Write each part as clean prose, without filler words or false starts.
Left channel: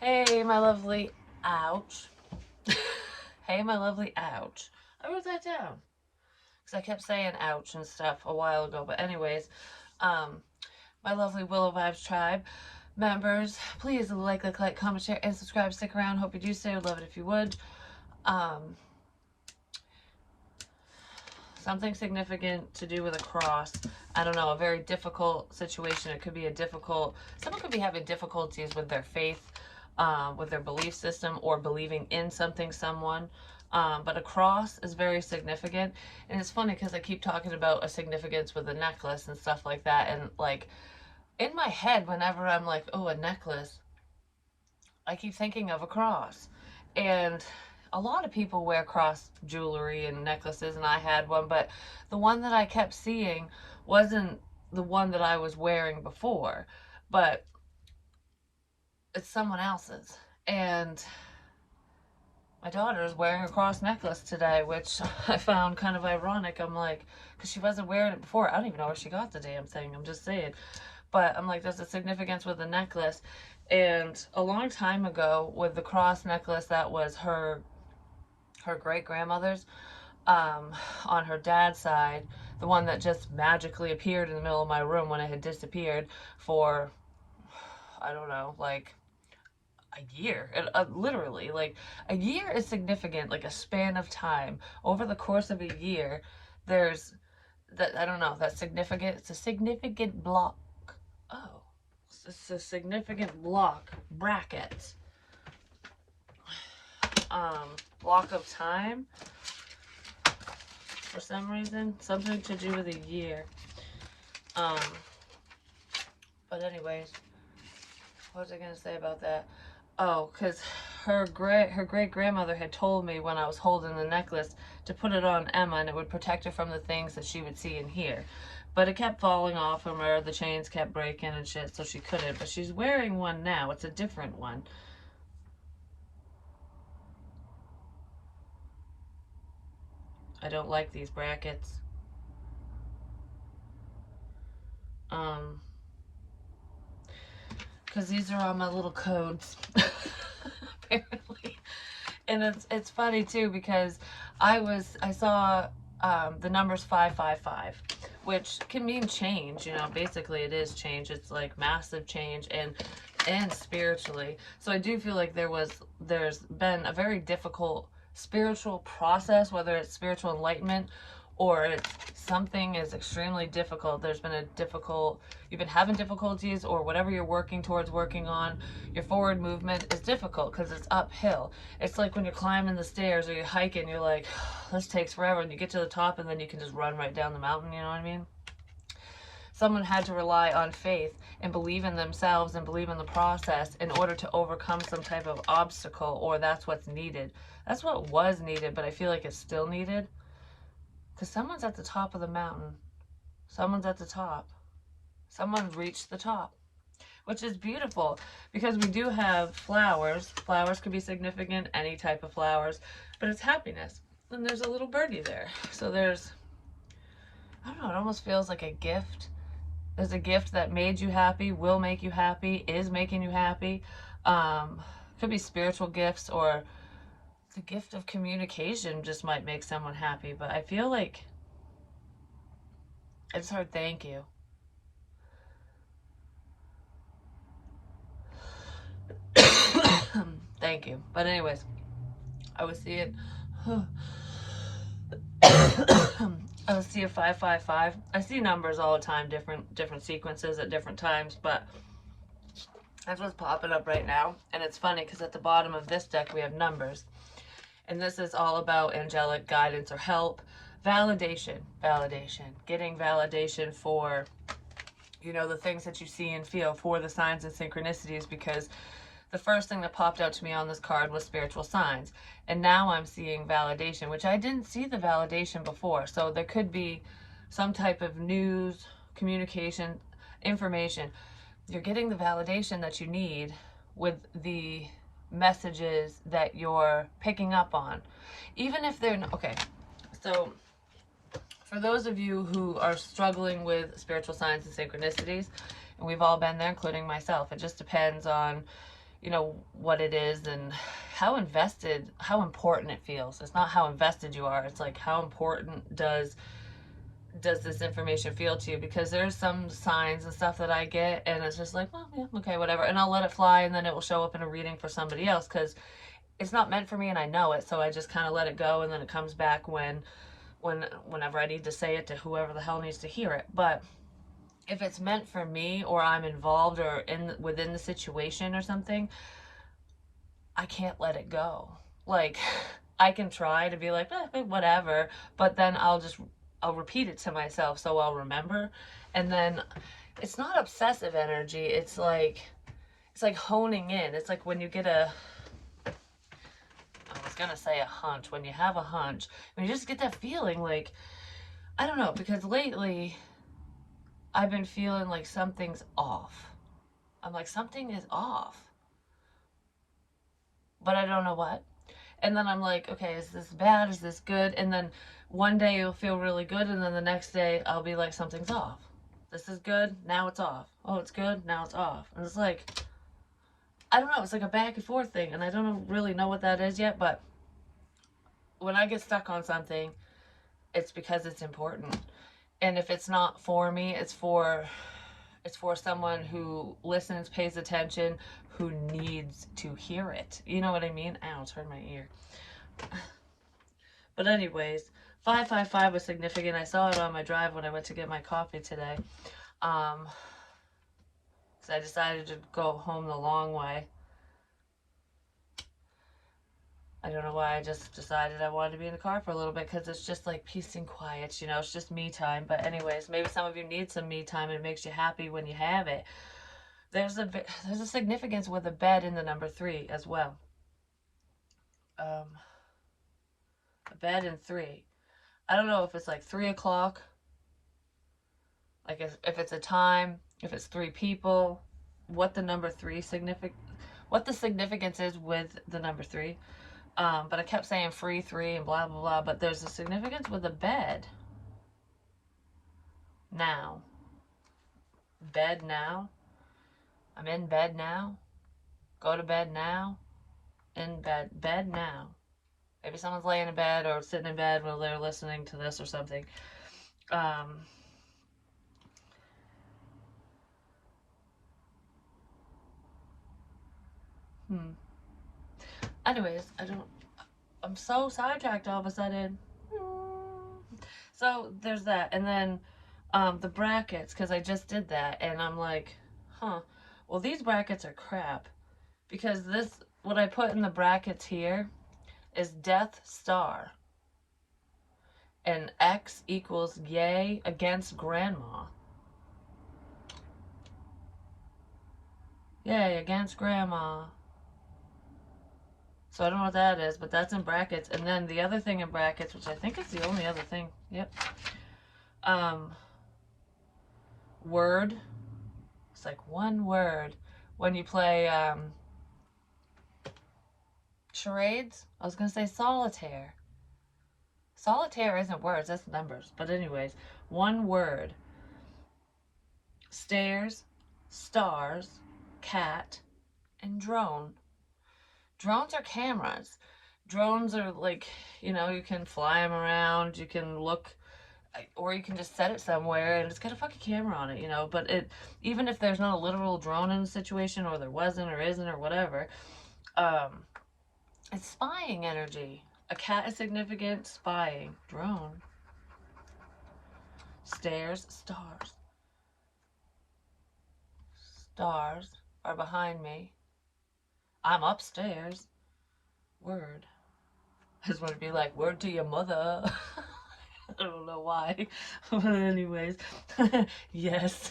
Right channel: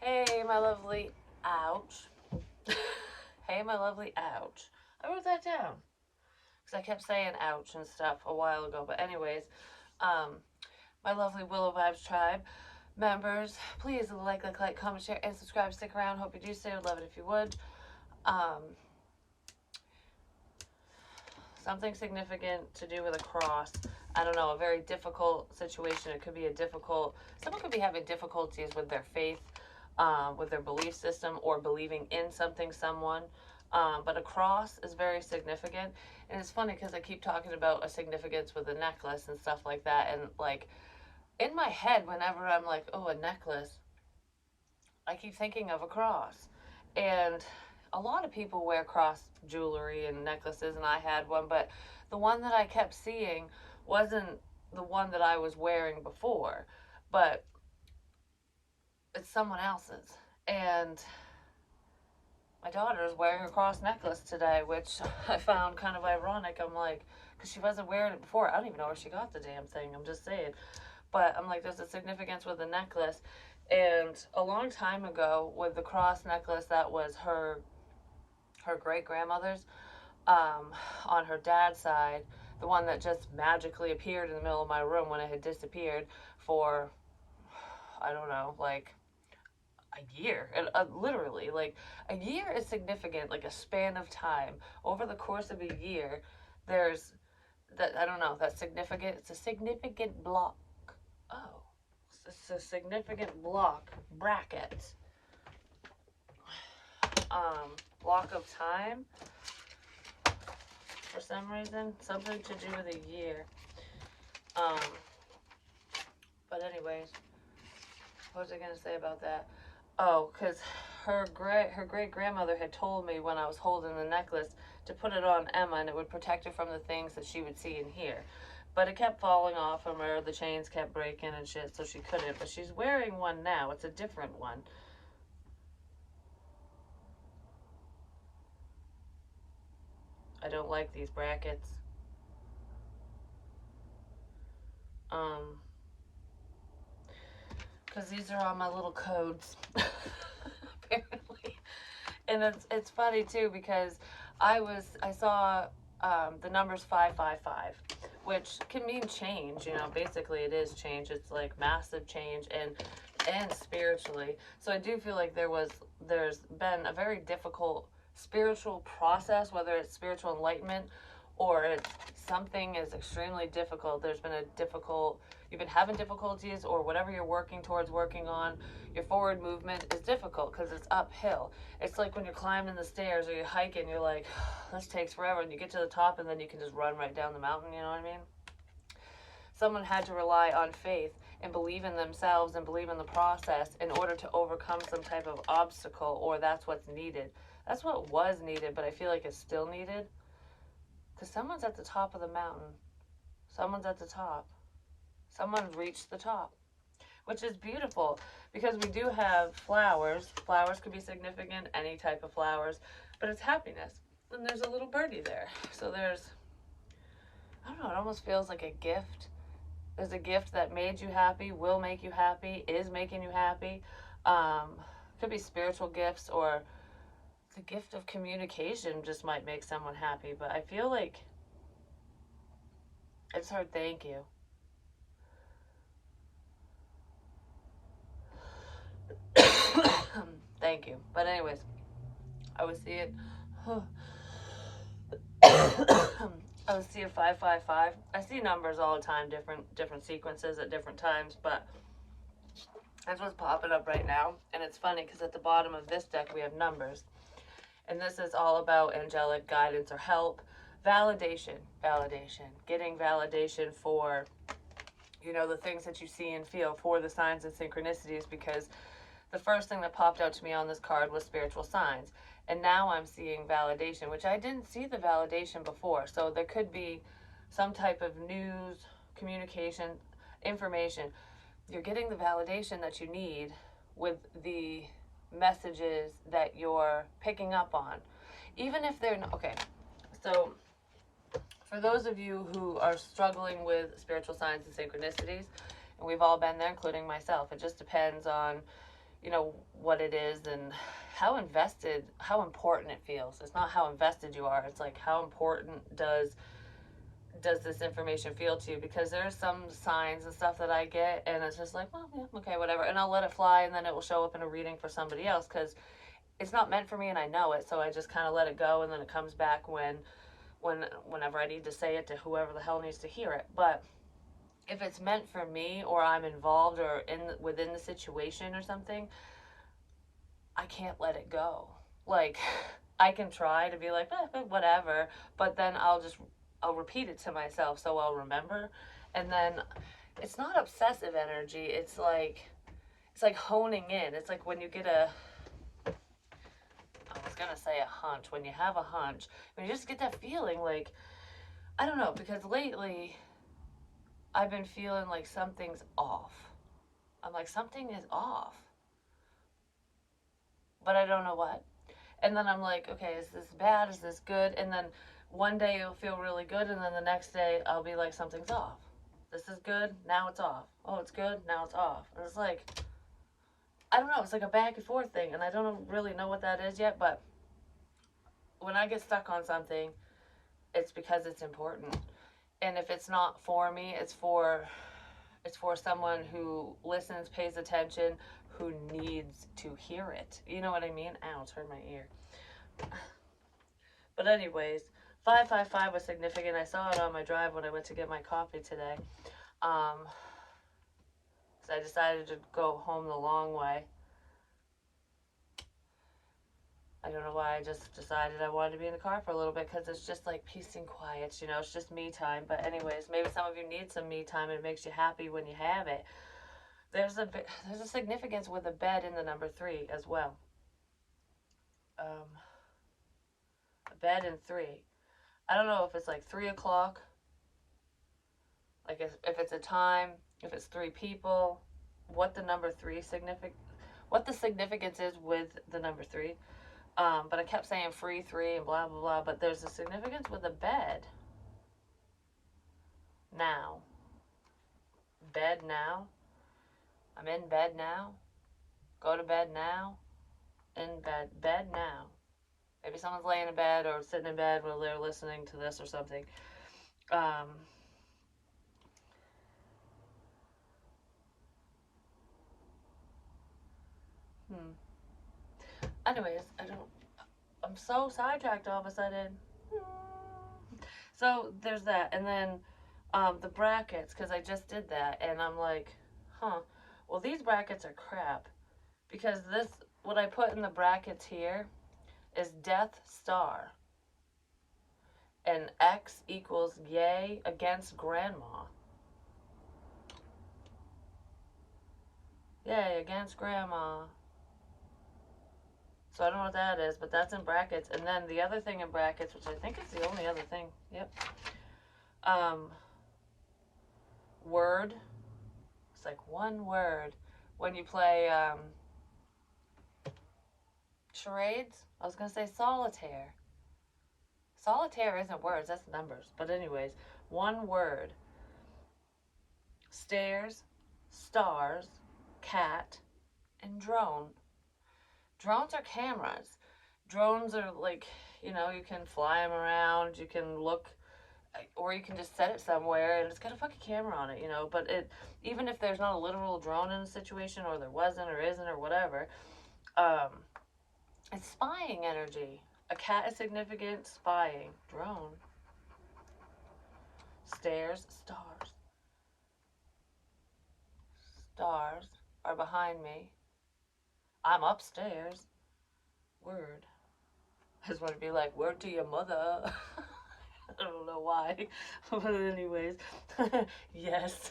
Hey, my lovely, ouch. Hey, my lovely, ouch. I wrote that down because I kept saying ouch and stuff a while ago. But anyways, um, my lovely Willow Vibes tribe members, please like, comment, share, and subscribe. Stick around. Hope you do so. Would love it if you would. Um, Something significant to do with a cross. I don't know, a very difficult situation. It could be a difficult, someone could be having difficulties with their faith, with their belief system, or believing in something, someone. But a cross is very significant. And it's funny because I keep talking about a significance with a necklace and stuff like that. And like in my head, whenever I'm like, oh, a necklace, I keep thinking of a cross. And a lot of people wear cross jewelry and necklaces, and I had one, but the one that I kept seeing wasn't the one that I was wearing before, but it's someone else's. And my daughter is wearing a cross necklace today, which I found kind of ironic. I'm like, because she wasn't wearing it before. I don't even know where she got the damn thing. I'm just saying. But I'm like, there's a significance with the necklace. And a long time ago, with the cross necklace that was her great grandmother's, um, on her dad's side, the one that just magically appeared in the middle of my room when it had disappeared for, I don't know, like a year. Literally, like a year is significant, like a span of time. Over the course of a year, there's that, I don't know, that's significant. It's a significant block. Oh, it's a significant bracket, um, block of time for some reason. Something to do with a year. Um, but anyways, what was I gonna say about that? Oh, because her great grandmother had told me when I was holding the necklace to put it on Emma, and it would protect her from the things that she would see and hear. But it kept falling off from her. The chains kept breaking and shit, so she couldn't. But she's wearing one now. It's a different one. I don't like these brackets. Um, because these are all my little codes, apparently. And it's funny too because I saw the numbers 555, which can mean change. You know, basically it is change. It's like massive change and spiritually. So I do feel like there's been a very difficult spiritual process, whether it's spiritual enlightenment or it's something is extremely difficult. There's been a difficult, you've been having difficulties, or whatever you're working towards working on, your forward movement is difficult because it's uphill. It's like when you're climbing the stairs or you're hiking, you're like, this takes forever, and you get to the top and then you can just run right down the mountain, you know what I mean? Someone had to rely on faith and believe in themselves and believe in the process in order to overcome some type of obstacle, or that's what's needed. That's what was needed, but I feel like it's still needed because someone's at the top of the mountain. Someone's at the top. Someone's reached the top, which is beautiful because we do have flowers. Flowers could be significant, any type of flowers, but it's happiness. And there's a little birdie there. So there's, I don't know, it almost feels like a gift. There's a gift that made you happy, will make you happy, is making you happy. Could be spiritual gifts, or the gift of communication just might make someone happy. But I feel like I just heard thank you. Thank you. But anyways, I was seeing I was seeing 555. I see numbers all the time, different sequences at different times, but that's what's popping up right now. And it's funny because at the bottom of this deck we have numbers. And this is all about angelic guidance or help, validation, getting validation for, you know, the things that you see and feel, for the signs and synchronicities, because the first thing that popped out to me on this card was spiritual signs. And now I'm seeing validation, which I didn't see the validation before. So there could be some type of news, communication, information. You're getting the validation that you need with the messages that you're picking up on. Even if they're, okay, so for those of you who are struggling with spiritual signs and synchronicities, and we've all been there, including myself, it just depends on, you know, what it is and how invested, how important it feels. It's not how invested you are. It's like how important does this information feel to you? Because there's some signs and stuff that I get, and it's just like, well, yeah, okay, whatever, and I'll let it fly, and then it will show up in a reading for somebody else because it's not meant for me, and I know it, so I just kind of let it go, and then it comes back whenever I need to say it to whoever the hell needs to hear it. But if it's meant for me, or I'm involved or in within the situation or something, I can't let it go. Like, I can try to be like, whatever, but then I'll repeat it to myself so I'll remember. And then it's not obsessive energy. It's like honing in. It's like when you get I was gonna say a hunch. When you have a hunch, when you just get that feeling, like, I don't know, because lately I've been feeling like something's off. I'm like, something is off, but I don't know what. And then I'm like, okay, is this bad? Is this good? And then one day it'll feel really good, and then the next day I'll be like, something's off. This is good, now it's off. Oh, it's good, now it's off. And it's like, I don't know, it's like a back and forth thing, and I don't really know what that is yet, but when I get stuck on something, it's because it's important. And if it's not for me, it's for someone who listens, pays attention, who needs to hear it. You know what I mean? Ow, turn my ear. But anyways, 555 was significant. I saw it on my drive when I went to get my coffee today. Um, because I decided to go home the long way. I don't know why. I just decided I wanted to be in the car for a little bit because it's just like peace and quiet, it's just me time. But anyways, maybe some of you need some me time and it makes you happy when you have it. There's a significance with a bed in the number 3 as well. A bed in 3. I don't know if it's like 3 o'clock, like if it's a time, if it's 3 people, what the number 3 what the significance is with the number 3. But I kept saying free 3 and blah blah blah. But there's a significance with a bed. Now, bed now. I'm in bed now. Go to bed now. In bed now. Maybe someone's laying in bed or sitting in bed while they're listening to this or something. Um, hmm. Anyways, I'm so sidetracked all of a sudden. So there's that. And then the brackets, because I just did that. And I'm like, huh. Well, these brackets are crap. Because what I put in the brackets here is Death Star. And X equals yay against grandma. Yay against grandma. So I don't know what that is, but that's in brackets. And then the other thing in brackets, which I think is the only other thing. Yep. Word. It's like one word. When you play charades, I was going to say solitaire. Solitaire isn't words, that's numbers. But anyways, one word. Stairs, stars, cat, and drone. Drones are cameras. Drones are like, you can fly them around, you can look, or you can just set it somewhere and it's got a fucking camera on it, But even if there's not a literal drone in the situation, or there wasn't or isn't or whatever, it's spying energy. A cat is significant, spying. Drone. Stairs, stars. Stars are behind me. I'm upstairs. Word. I just want to be like, word to your mother. I don't know why. But anyways. Yes.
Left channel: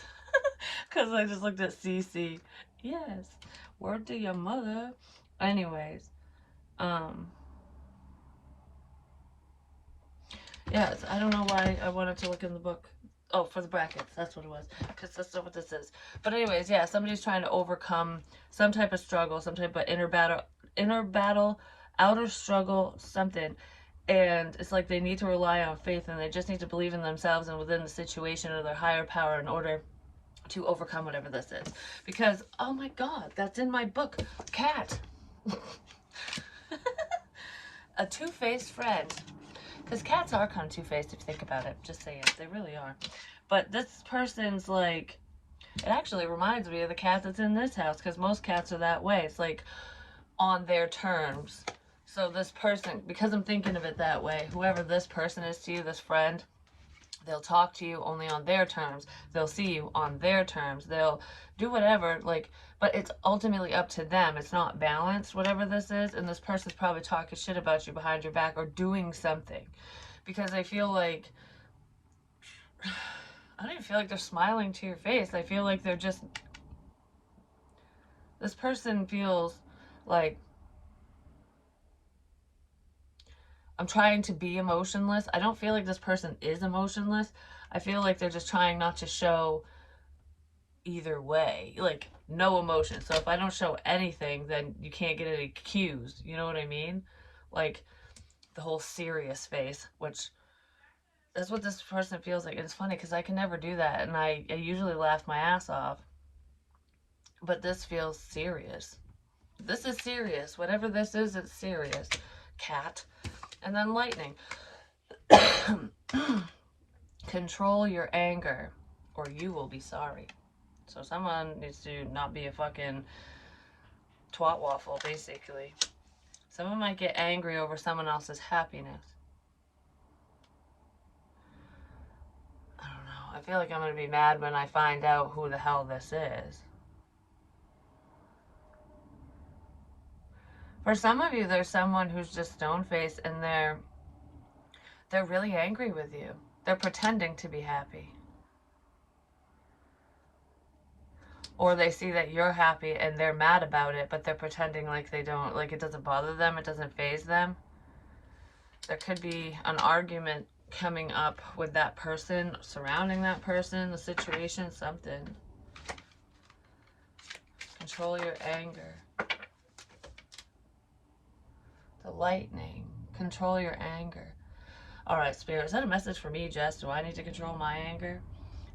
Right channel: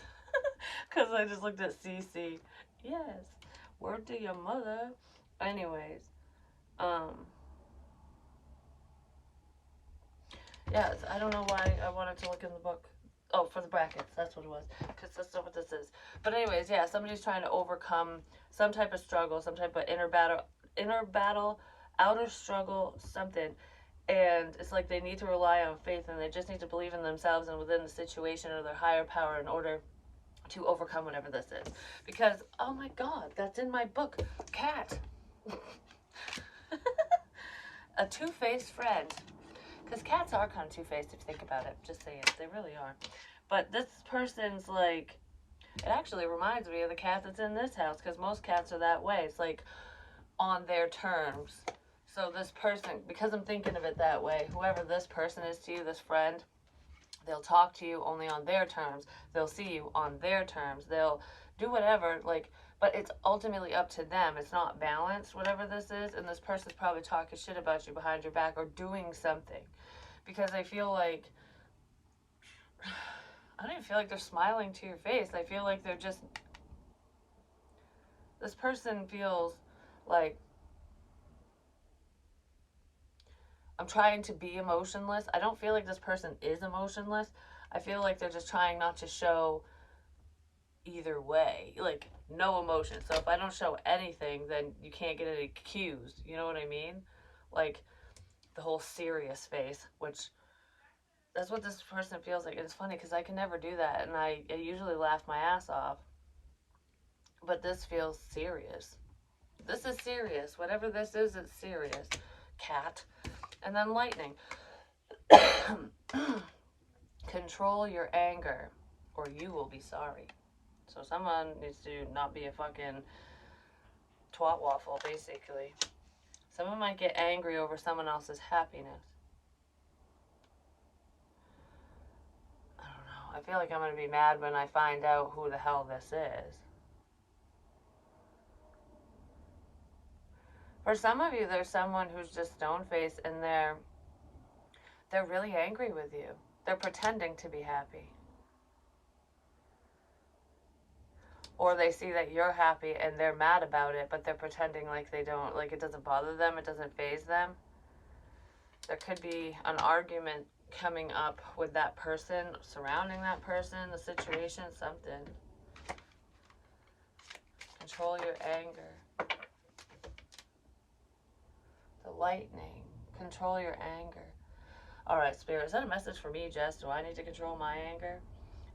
Because I just looked at CC. Yes. Word to your mother. Anyways. Yes, I don't know why I wanted to look in the book. Oh, for the brackets. That's what it was. Because that's not what this is. But anyways, yeah, somebody's trying to overcome some type of struggle, some type of inner battle, outer struggle, something. And it's like they need to rely on faith, and they just need to believe in themselves and within the situation or their higher power in order to overcome whatever this is. Because, oh my God, that's in my book. Cat. A two-faced friend. Because cats are kind of two-faced if you think about it. Just saying. They really are. But this person's like, it actually reminds me of the cat that's in this house. Because most cats are that way. It's like on their terms. So this person, because I'm thinking of it that way, whoever this person is to you, this friend, they'll talk to you only on their terms. They'll see you on their terms. They'll do whatever, like, but it's ultimately up to them. It's not balanced, whatever this is. And this person's probably talking shit about you behind your back or doing something. Because I feel like, I don't even feel like they're smiling to your face. I feel like they're just, this person feels like, I'm trying to be emotionless. I don't feel like this person is emotionless. I feel like they're just trying not to show either way. Like, no emotion. So if I don't show anything, then you can't get any cues. You know what I mean? Like, the whole serious face, which that's what this person feels like. And it's funny because I can never do that. And I usually laugh my ass off. But this feels serious. This is serious. Whatever this is, it's serious. Cat. And then lightning. Control your anger or you will be sorry. So someone needs to not be a fucking twat waffle, basically. Someone might get angry over someone else's happiness. I don't know. I feel like I'm going to be mad when I find out who the hell this is. For some of you, there's someone who's just stone-faced and they're really angry with you. They're pretending to be happy. Or they see that you're happy and they're mad about it, but they're pretending like they don't, like it doesn't bother them, it doesn't faze them. There could be an argument coming up with that person, surrounding that person, the situation, something. Control your anger. The lightning. Control your anger. All right, Spirit, is that a message for me, Jess? Do I need to control my anger?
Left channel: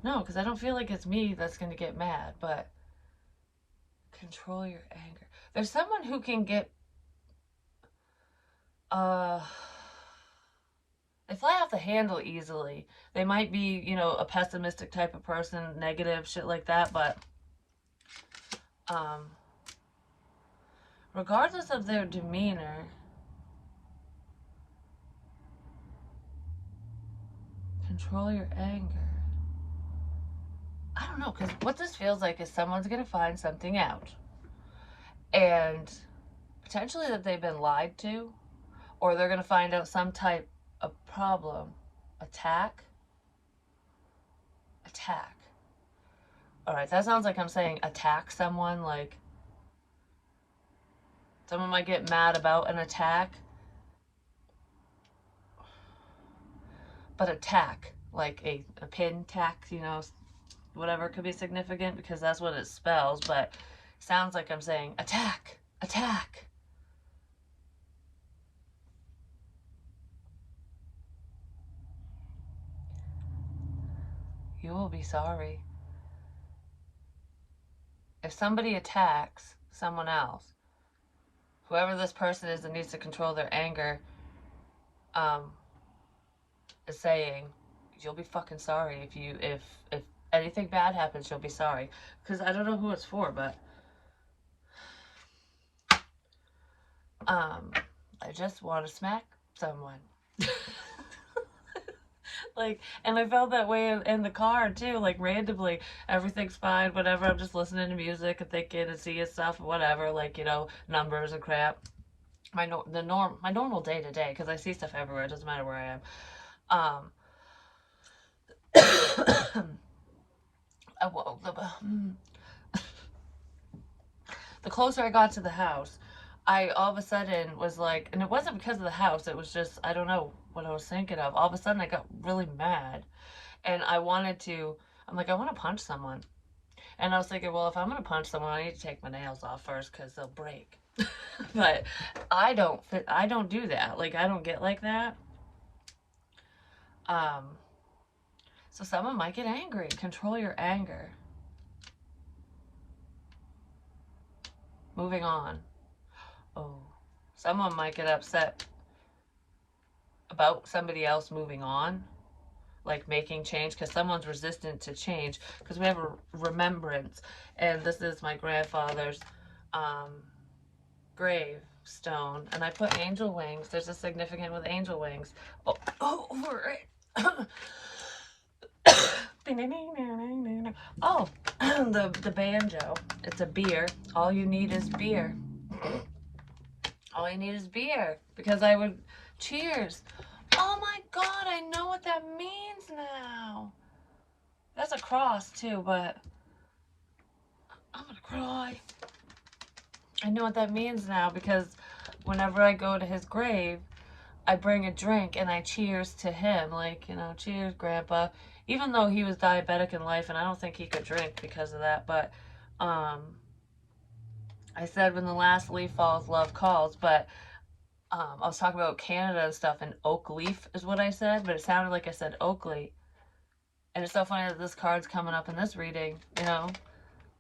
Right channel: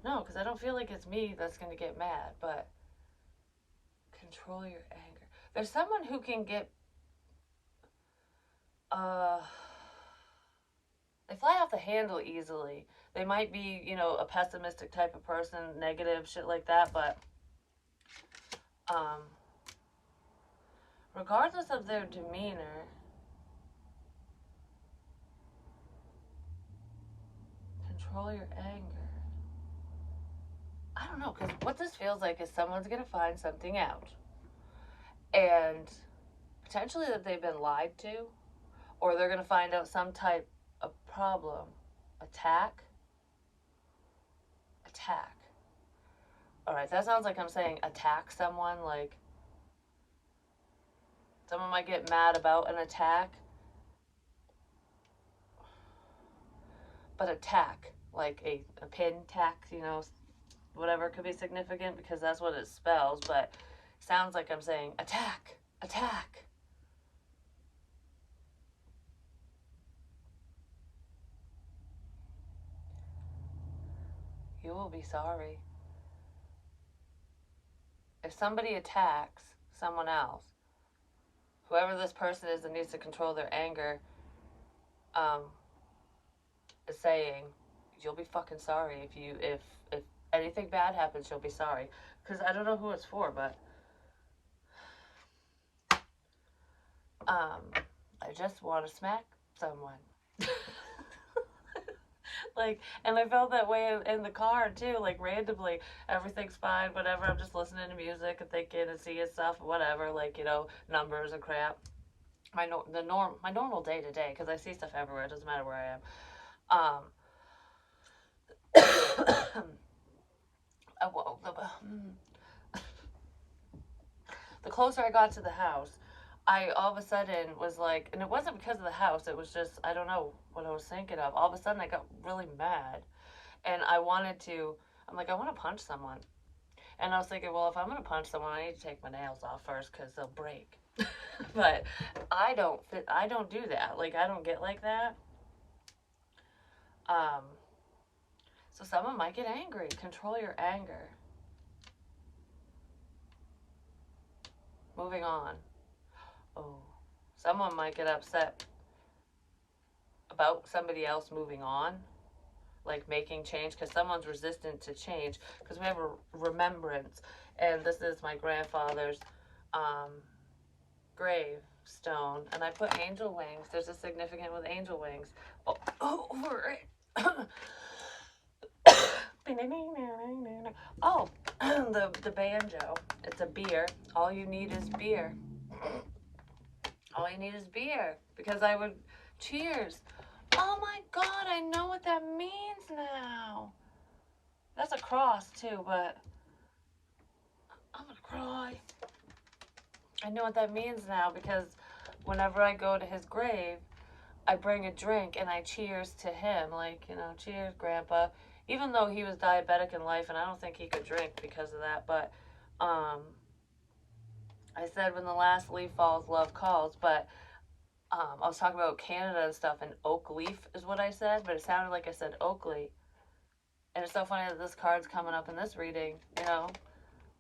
No, because I don't feel like it's me that's going to get mad, but control your anger. There's someone who can get, they fly off the handle easily. They might be, you know, a pessimistic type of person, negative, shit like that, but regardless of their demeanor, control your anger. I don't know, because what this feels like is someone's going to find something out. And potentially that they've been lied to, or they're going to find out some type of problem. Attack. Alright, that sounds like I'm saying attack someone, like someone might get mad about an attack. But attack, like a pin tack, you know, whatever could be significant because that's what it spells, but it sounds like I'm saying attack. You will be sorry. If somebody attacks someone else, whoever this person is that needs to control their anger, is saying, you'll be fucking sorry if anything bad happens, you'll be sorry. Because I don't know who it's for, but I just want to smack someone. Like, and I felt that way in the car too, like randomly, everything's fine, whatever, I'm just listening to music and thinking and seeing stuff, whatever, like, you know, numbers and crap. My normal day to day, because I see stuff everywhere, it doesn't matter where I am. The closer I got to the house, I all of a sudden was like, and it wasn't because of the house, it was just, I don't know what I was thinking of. All of a sudden I got really mad and I wanted to, I'm like, I want to punch someone. And I was thinking, well, if I'm going to punch someone, I need to take my nails off first because they'll break. But I don't do that. Like, I don't get like that. So someone might get angry. Control your anger. Moving on. Oh, someone might get upset about somebody else moving on, like making change, because someone's resistant to change, because we have a remembrance. And this is my grandfather's um, gravestone, and I put angel wings. There's a significant with angel wings. Oh, over it. Oh, the banjo. It's a beer. All you need is beer. All you need is beer. Because I would cheers. Oh my god, I know what that means now. That's a cross too, but I'm gonna cry. I know what that means now because whenever I go to his grave, I bring a drink and I cheers to him. Like, you know, cheers, Grandpa. Even though he was diabetic in life and I don't think he could drink because of that, but um, I said when the last leaf falls, love calls. But I was talking about Canada and stuff, and oak leaf is what I said, but it sounded like I said Oakley. And it's so funny that this card's coming up in this reading, you know.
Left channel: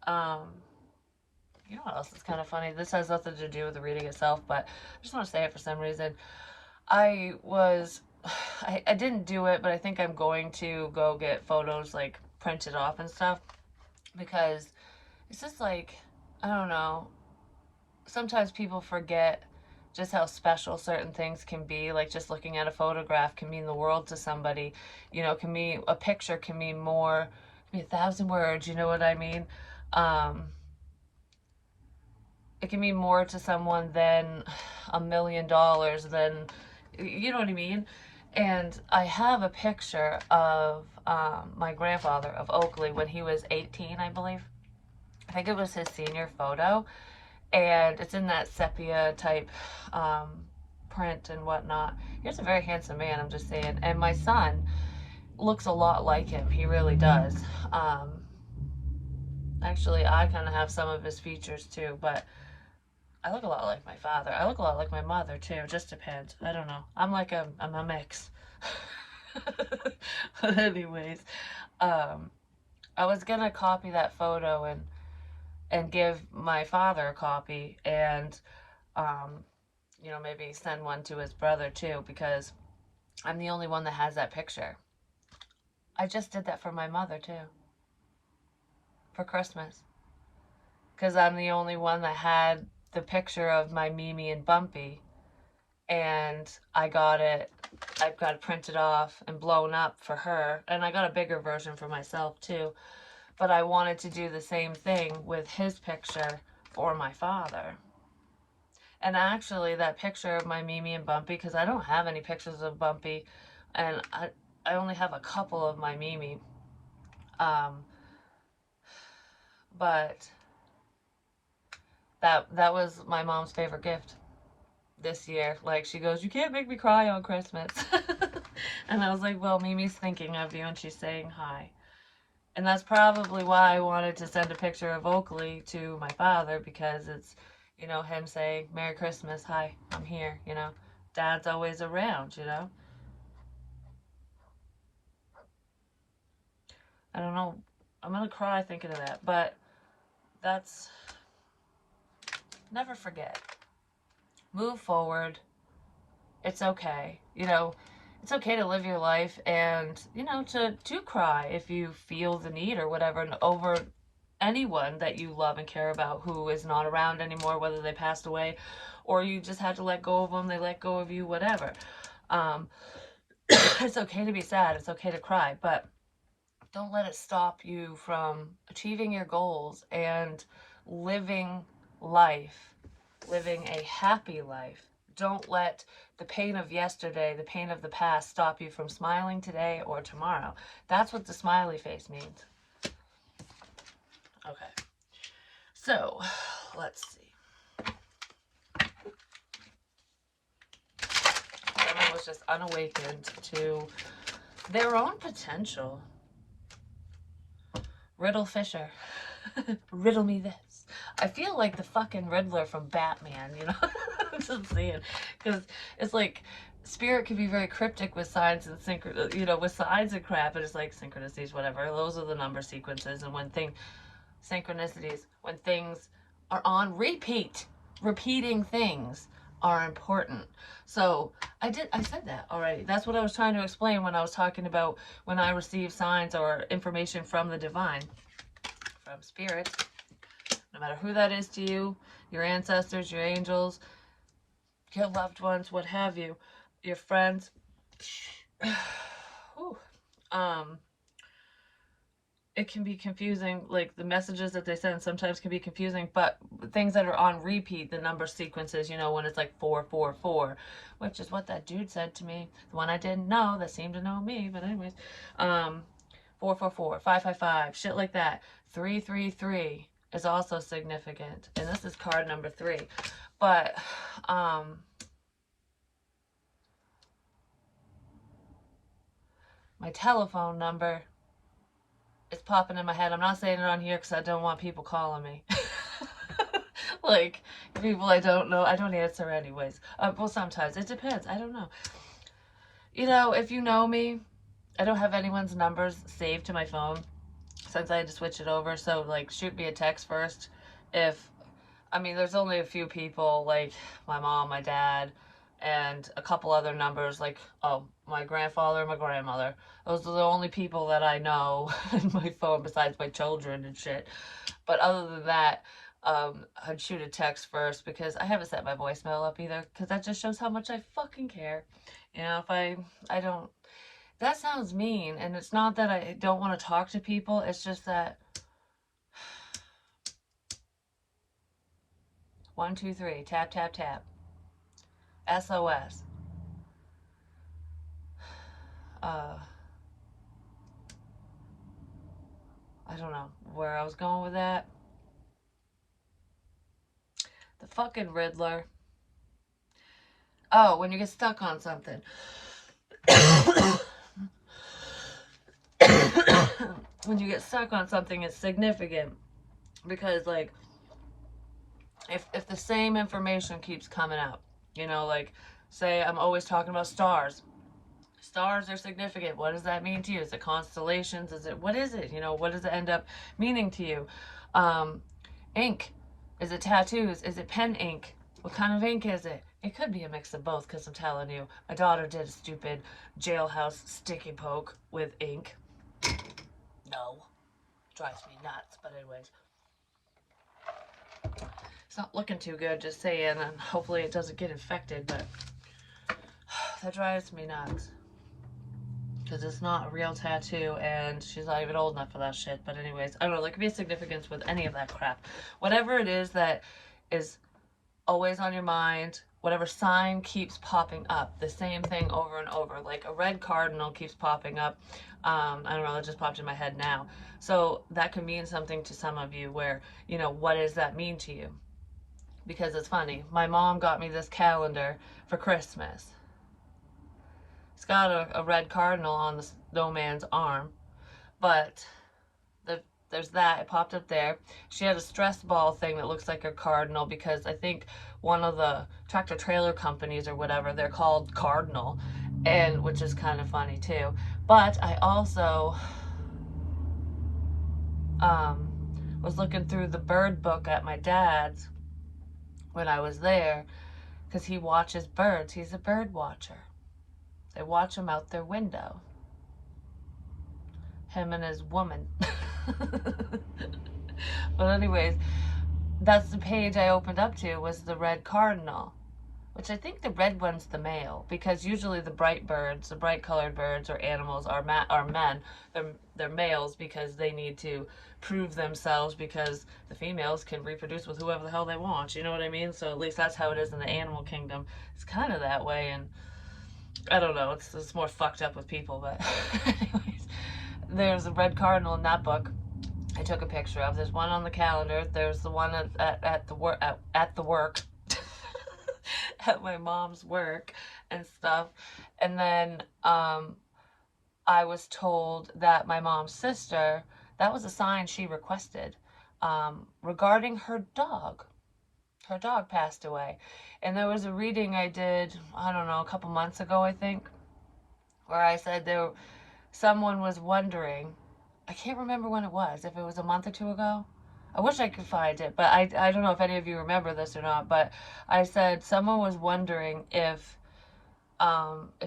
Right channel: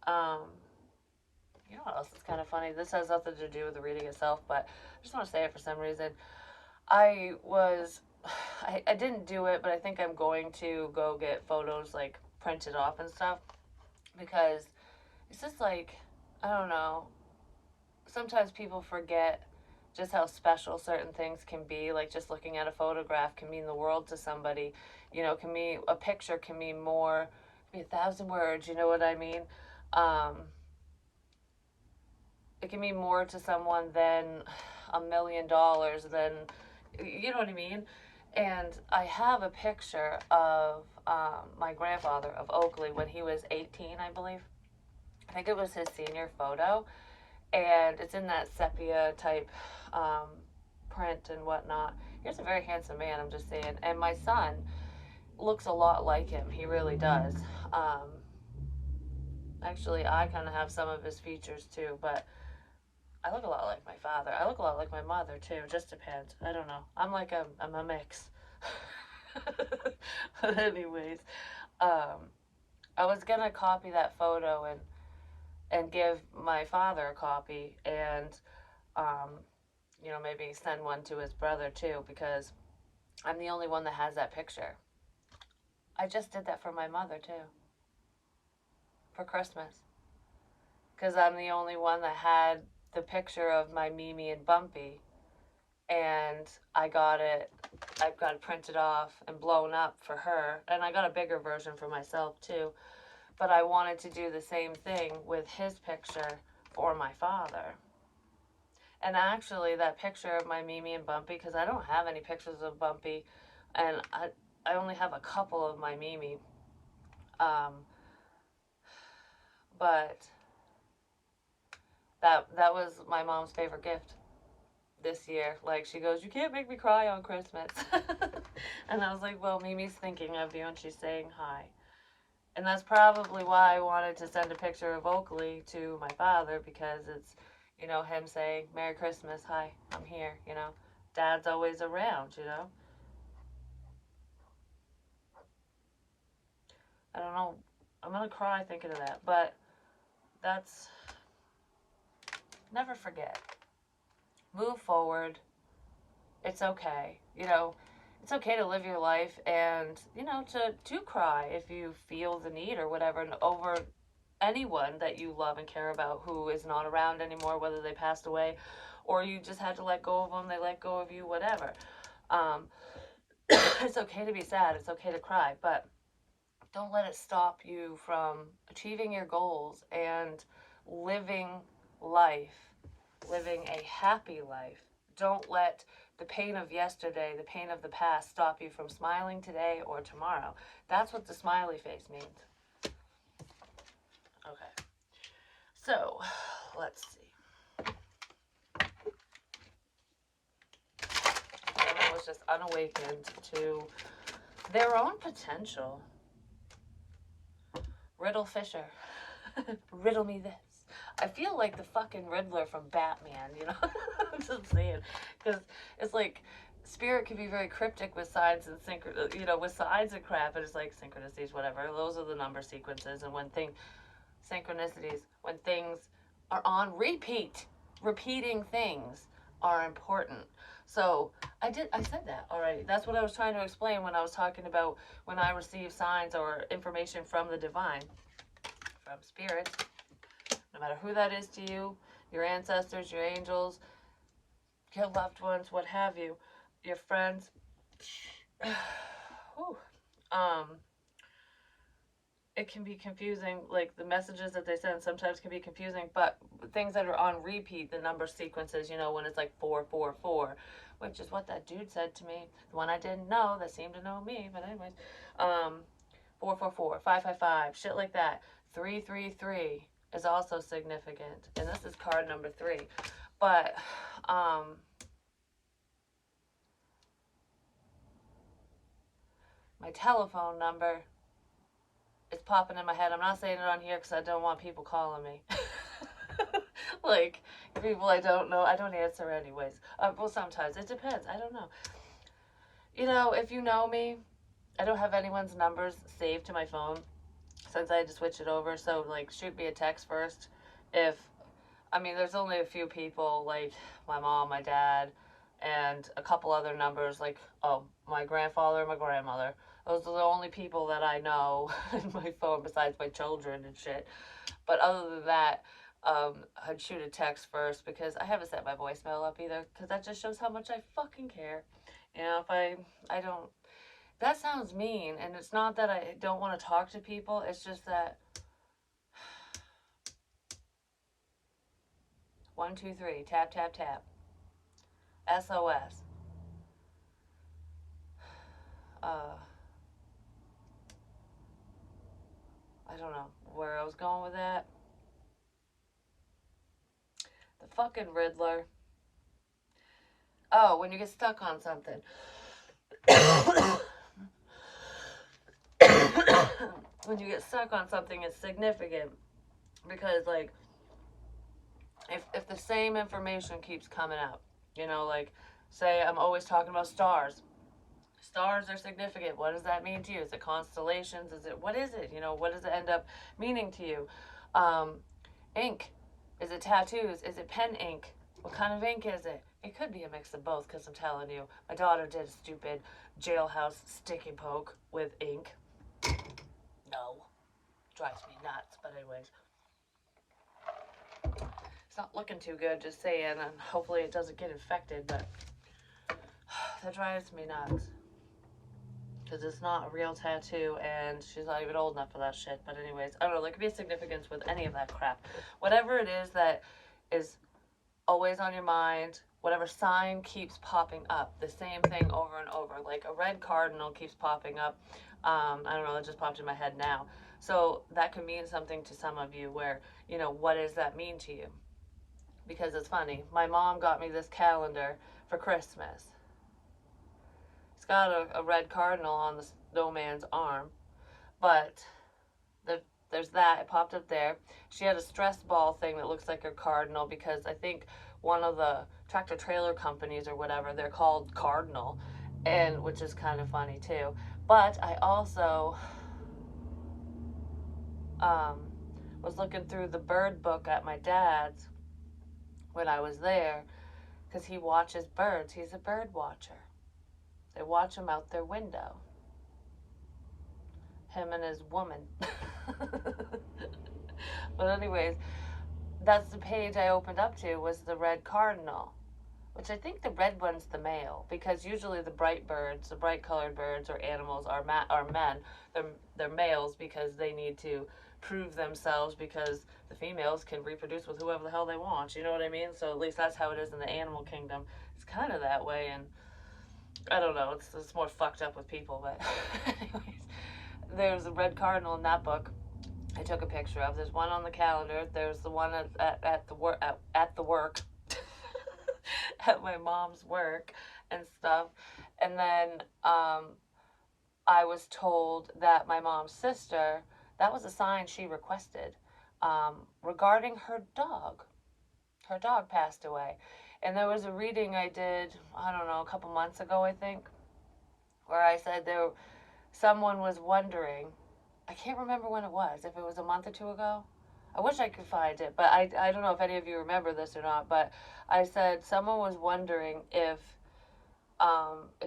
Um, you know what else is kind of funny? This has nothing to do with the reading itself, but I just want to say it for some reason. I was, I didn't do it, but I think I'm going to go get photos like printed off and stuff because it's just like, I don't know. Sometimes people forget just how special certain things can be. Like just looking at a photograph can mean the world to somebody. You know, can mean a picture can mean more, can be 1,000 words. You know what I mean? Um, it can mean more to someone than $1 million. Than you know what I mean. And I have a picture of my grandfather of Oakley when he was 18, I believe. I think it was his senior photo, and it's in that sepia type um, print and whatnot. He's a very handsome man, I'm just saying. And my son looks a lot like him. He really does. Um, Actually, I kind of have some of his features too, but I look a lot like my father. I look a lot like my mother too. Just depends. I don't know. I'm a mix. But anyways, um, I was gonna copy that photo and give my father a copy and um, you know, maybe send one to his brother too because I'm the only one that has that picture. I just did that for my mother too for Christmas because I'm the only one that had the picture of my Mimi and Bumpy, and I've got it printed off and blown up for her, and I got a bigger version for myself too. But I wanted to do the same thing with his picture for my father. And actually, that picture of my Mimi and Bumpy, because I don't have any pictures of Bumpy, and I only have a couple of my Mimi. Um, but that was my mom's favorite gift this year. Like she goes, "You can't make me cry on Christmas," and I was like, "Well, Mimi's thinking of you, and she's saying hi." And that's probably why I wanted to send a picture of Oakley to my father because it's, you know, him saying, "Merry Christmas, hi, I'm here," you know. Dad's always around, you know. I don't know. I'm gonna cry thinking of that, but that's never forget. Move forward. It's okay. You know, it's okay to live your life and, you know, to cry if you feel the need or whatever and over anyone that you love and care about who is not around anymore, whether they passed away or you just had to let go of them, they let go of you, whatever. Um, it's okay to be sad. It's okay to cry, but don't let it stop you from achieving your goals and living life, living a happy life. Don't let the pain of yesterday, the pain of the past, stop you from smiling today or tomorrow. That's what the smiley face means. Okay, so let's see. Someone was just unawakened to their own potential. Riddle Fisher. Riddle me this. I feel like the fucking Riddler from Batman, you know? I'm just saying. Because it's like, spirit can be very cryptic with signs and you know, with signs and crap, and it's like synchronicities, whatever. Those are the number sequences, and synchronicities, when things are on repeat. Repeating things are important. So I said that already. That's what I was trying to explain when I was talking about when I receive signs or information from the divine, from spirit, no matter who that is to you, your ancestors, your angels, your loved ones, what have you, your friends. It can be confusing, like the messages that they send sometimes can be confusing, but things that are on repeat, the number sequences, when it's like 444, which is what that dude said to me, the one I didn't know that seemed to know me, but anyways, 444, 555, shit like that. 333 is also significant, and this is card number 3. But my telephone number is popping in my head. I'm not saying it on here because I don't want people calling me. Like, people I don't know. I don't answer anyways. Well, sometimes. It depends. I don't know. If you know me, I don't have anyone's numbers saved to my phone since I had to switch it over. So, like, shoot me a text first. There's only a few people, like my mom, my dad, and a couple other numbers, like, my grandfather, my grandmother. Those are the only people that I know in my phone besides my children and shit. But other than that, I'd shoot a text first because I haven't set my voicemail up either because that just shows how much I fucking care. If I don't, that sounds mean, and it's not that I don't want to talk to people, it's just that 1, 2, 3, tap, tap, tap. SOS. I don't know where I was going with that. The fucking Riddler. Oh, when you get stuck on something. When you get stuck on something, it's significant. Because, like, if the same information keeps coming out, like, say I'm always talking about stars. Stars are significant. What does that mean to you? Is it constellations? What is it? What does it end up meaning to you? Ink. Is it tattoos? Is it pen ink? What kind of ink is it? It could be a mix of both, because I'm telling you, my daughter did a stupid jailhouse sticky poke with ink. No. Drives me nuts, but anyways. It's not looking too good, just saying, and hopefully it doesn't get infected, but that drives me nuts. Because it's not a real tattoo, and she's not even old enough for that shit. But anyways, I don't know, there could be a significance with any of that crap. Whatever it is that is always on your mind, whatever sign keeps popping up, the same thing over and over. Like a red cardinal keeps popping up. I don't know, it just popped in my head now. So that could mean something to some of you where, what does that mean to you? Because it's funny. My mom got me this calendar for Christmas. It's got a red cardinal on the snowman's arm, but there's that. It popped up there. She had a stress ball thing that looks like a cardinal because I think one of the tractor trailer companies or whatever, they're called Cardinal, and which is kind of funny too. But I also was looking through the bird book at my dad's when I was there because he watches birds. He's a bird watcher. They watch them out their window. Him and his woman. But anyways, that's the page I opened up to, was the red cardinal, which I think the red one's the male, because usually the bright birds, the bright colored birds or animals are men. They're males because they need to prove themselves, because the females can reproduce with whoever the hell they want. You know what I mean? So at least that's how it is in the animal kingdom. It's kind of that way, and I don't know. It's more fucked up with people, but anyways, there's a red cardinal in that book. I took a picture of. There's one on the calendar. There's the one at the work at my mom's work and stuff. And then I was told that my mom's sister, that was a sign she requested regarding her dog. Her dog passed away. And there was a reading I did, I don't know, a couple months ago, I think, where I said someone was wondering, I can't remember when it was, if it was a month or two ago. I wish I could find it, but I don't know if any of you remember this or not, but I said someone was wondering if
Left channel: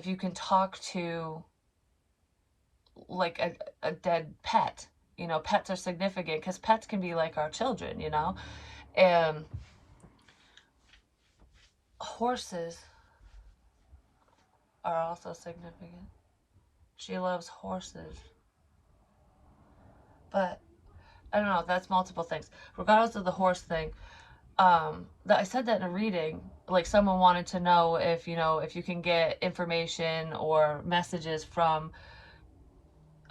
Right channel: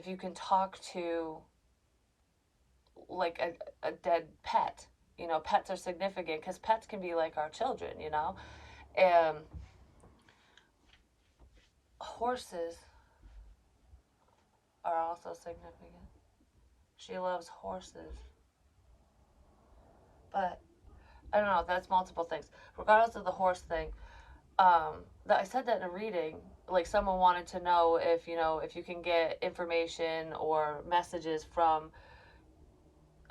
you can talk to like a dead pet. You know, pets are significant because pets can be like our children, you know? And horses are also significant. She loves horses. But I don't know, that's multiple things. Regardless of the horse thing, that I said that in a reading, like someone wanted to know if, you know, if you can get information or messages from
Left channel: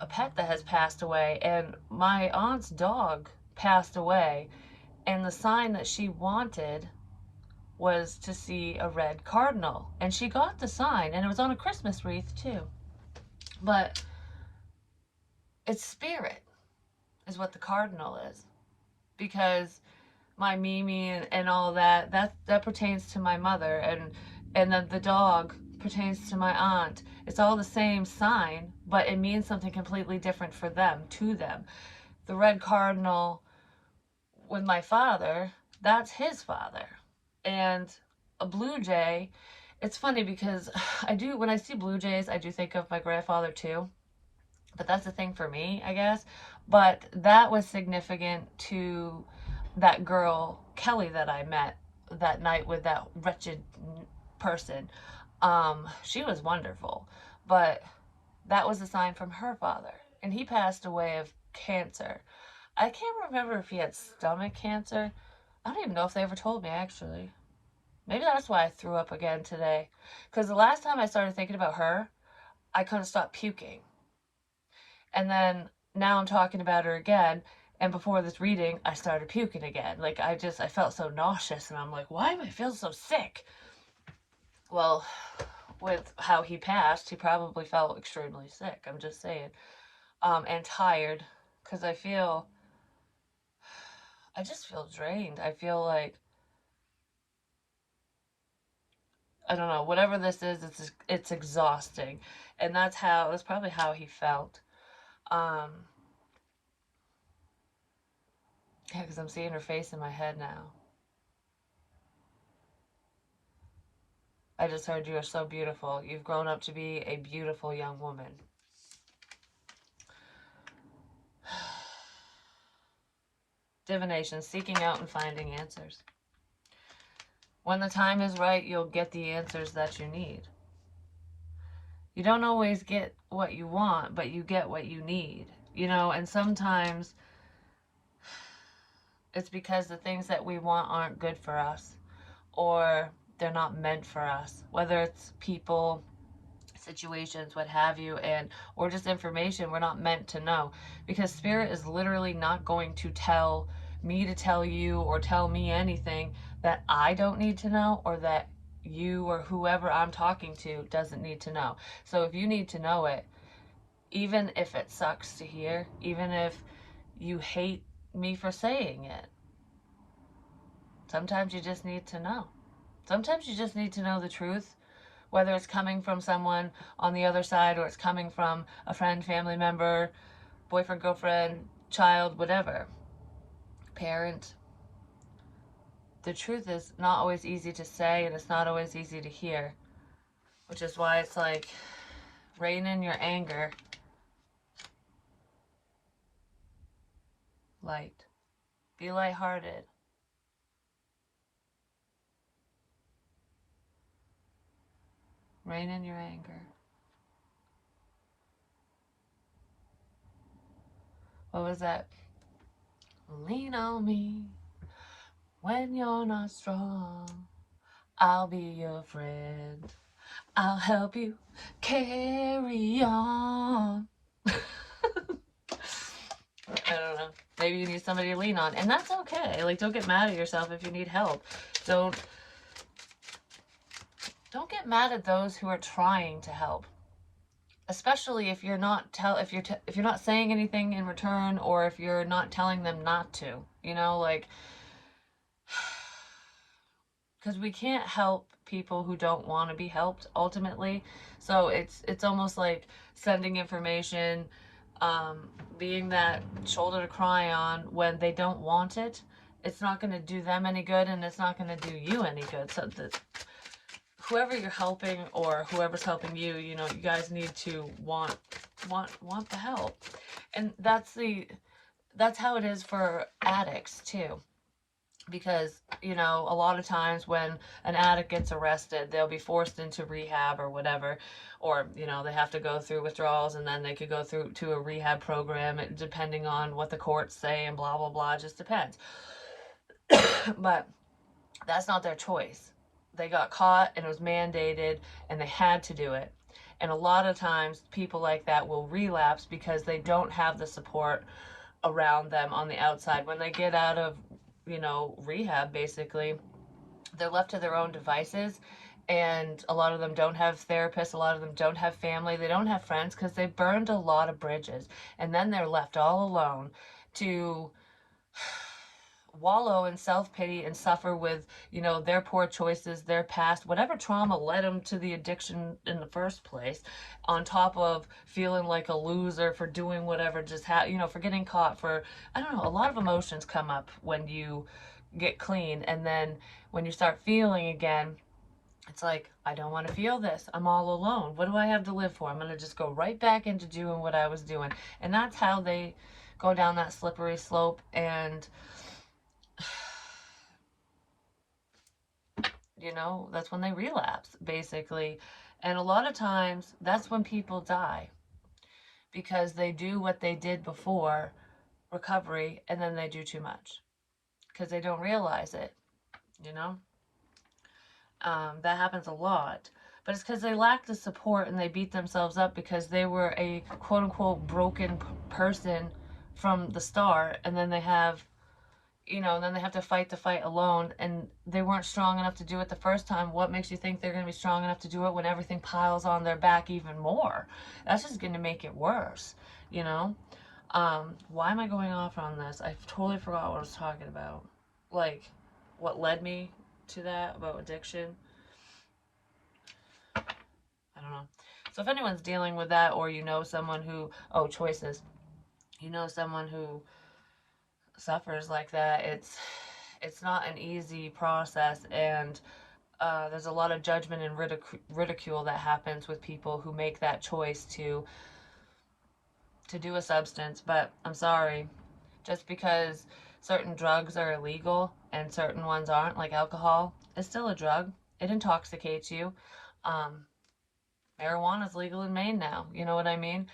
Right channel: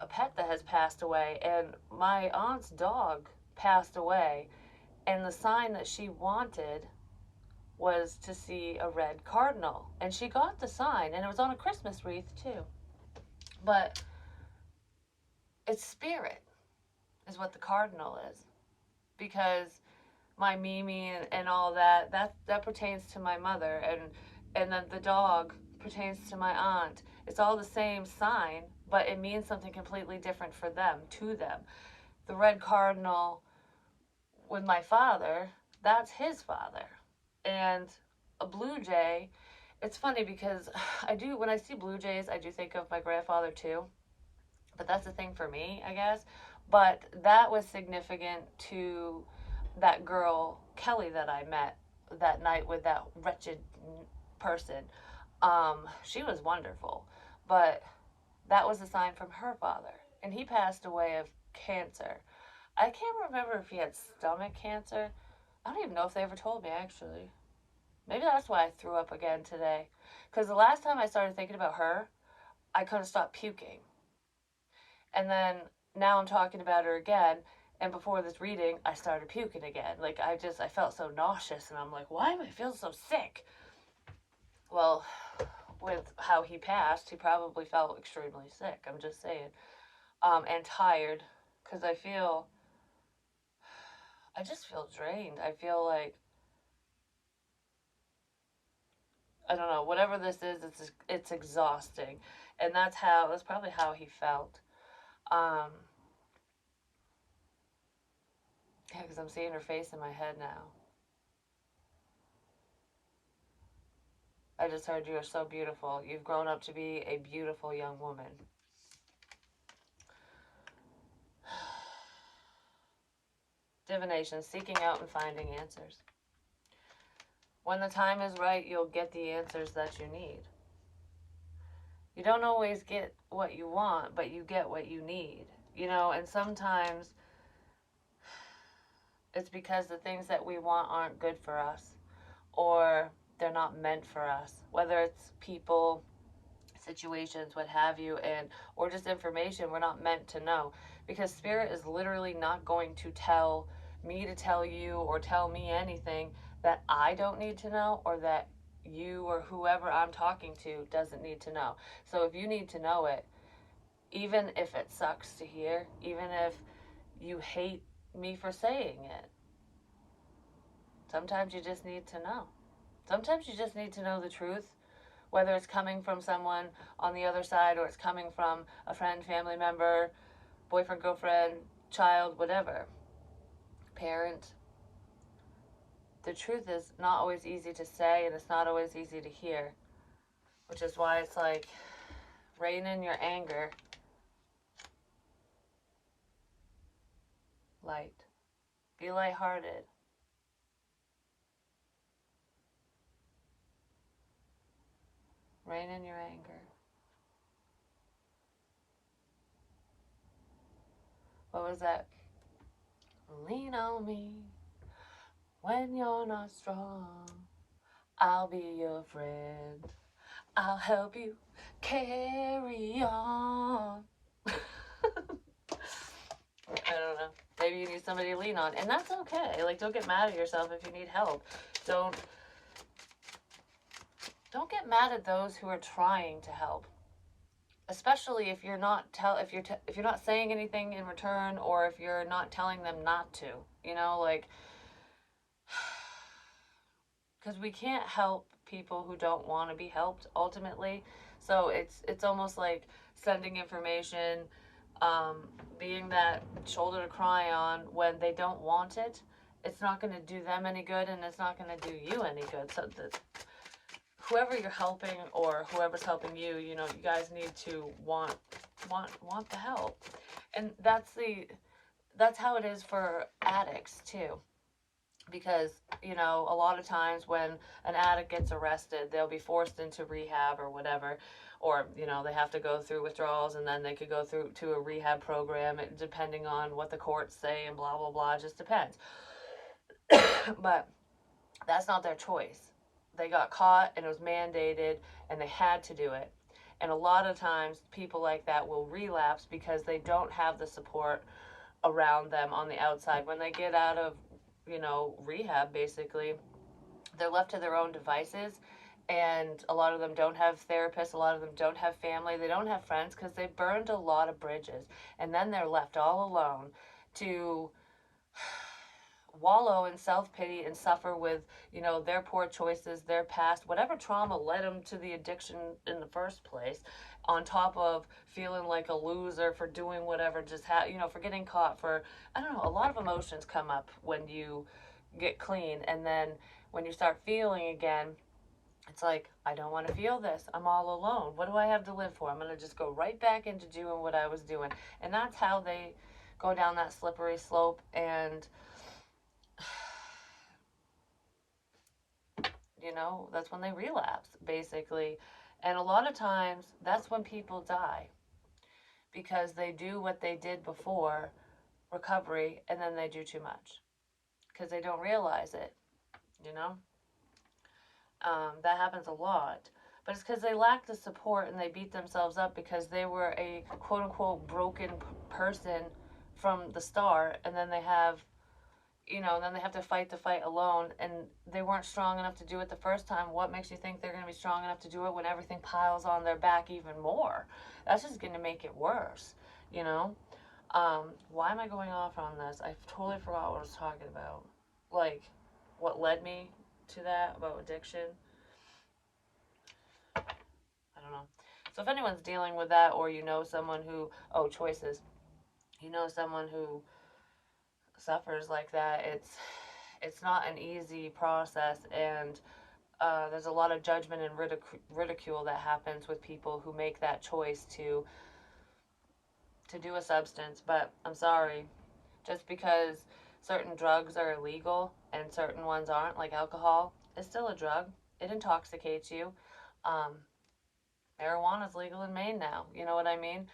a pet that has passed away. And my aunt's dog passed away, and the sign that she wanted was to see a red cardinal. And she got the sign, and it was on a Christmas wreath too. But it's spirit, is what the cardinal is. Because my Mimi and all that pertains to my mother, and then the dog pertains to my aunt. It's all the same sign, but it means something completely different for them, to them. The red cardinal with my father, that's his father. And a blue jay, it's funny because I do, when I see blue jays, I do think of my grandfather too. But that's the thing for me, I guess. But that was significant to that girl, Kelly, that I met that night with that wretched person. She was wonderful. But that was a sign from her father. And he passed away of cancer. I can't remember if he had stomach cancer. I don't even know if they ever told me, actually. Maybe that's why I threw up again today. Because the last time I started thinking about her, I couldn't stop puking. And then now I'm talking about her again. And before this reading, I started puking again. Like, I felt so nauseous. And I'm like, why am I feeling so sick? Well, with how he passed, he probably felt extremely sick. I'm just saying. And tired. Because I just feel drained. I feel like, I don't know, whatever this is, it's exhausting. And that's probably how he felt. Um, yeah, because I'm seeing her face in my head now. I just heard you are so beautiful. You've grown up to be a beautiful young woman. Divination, seeking out and finding answers. When the time is right, you'll get the answers that you need. You don't always get what you want, but you get what you need. You know, and sometimes it's because the things that we want aren't good for us, or they're not meant for us. Whether it's people, situations, what have you, and or just information we're not meant to know, because spirit is literally not going to tell me to tell you or tell me anything that I don't need to know, or that you or whoever I'm talking to doesn't need to know. So if you need to know it, even if it sucks to hear, even if you hate me for saying it, sometimes you just need to know. Sometimes you just need to know the truth, whether it's coming from someone on the other side or it's coming from a friend, family member, boyfriend, girlfriend, child, whatever, parent. The truth is not always easy to say, and it's not always easy to hear, which is why it's like, rein in your anger. Light. Be lighthearted. Rein in your anger. What was that? Lean on me when you're not strong. I'll be your friend. I'll help you carry on. I don't know. Maybe you need somebody to lean on. And that's okay. Like, don't get mad at yourself if you need help. Don't get mad at those who are trying to help. Especially if you're not if you're not saying anything in return, or if you're not telling them not to. You know, like, because we can't help people who don't want to be helped ultimately. So it's almost like sending information, Being that shoulder to cry on when they don't want it, it's not going to do them any good, and it's not going to do you any good. So whoever you're helping or whoever's helping you, you know, you guys need to want the help. And that's how it is for addicts too. Because, you know, a lot of times when an addict gets arrested, they'll be forced into rehab or whatever, or, you know, they have to go through withdrawals, and then they could go through to a rehab program, depending on what the courts say, and blah blah blah. It just depends. But that's not their choice. They got caught, and it was mandated, and they had to do it. And a lot of times people like that will relapse because they don't have the support around them on the outside. When they get out of, you know, rehab, basically, they're left to their own devices. And a lot of them don't have therapists, a lot of them don't have family, they don't have friends, because they burned a lot of bridges. And then they're left all alone to wallow in self-pity and suffer with, you know, their poor choices, their past, whatever trauma led them to the addiction in the first place, on top of feeling like a loser for doing whatever just you know, for getting caught, for, I don't know, a lot of emotions come up when you get clean. And then when you start feeling again, it's like, I don't want to feel this. I'm all alone. What do I have to live for? I'm going to just go right back into doing what I was doing. And that's how they go down that slippery slope. And you know, that's when they relapse, basically. And a lot of times, that's when people die, because they do what they did before recovery, and then they do too much because they don't realize it, you know? That happens a lot. But it's because they lack the support, and they beat themselves up because they were a quote unquote broken person from the start, and then they have, you know, and then they have to fight the fight alone, and they weren't strong enough to do it the first time. What makes you think they're going to be strong enough to do it when everything piles on their back even more? That's just going to make it worse, you know? Why am I going off on this? I totally forgot what I was talking about. Like, what led me to that about addiction. I don't know. So if anyone's dealing with that, or you know someone who, oh, choices, you know someone who suffers like that, it's not an easy process. And there's a lot of judgment and ridicule that happens with people who make that choice to do a substance. But I'm sorry, just because certain drugs are illegal and certain ones aren't, like alcohol, it's still a drug. It intoxicates you. Um, Marijuana is legal in Maine now. You know what I mean?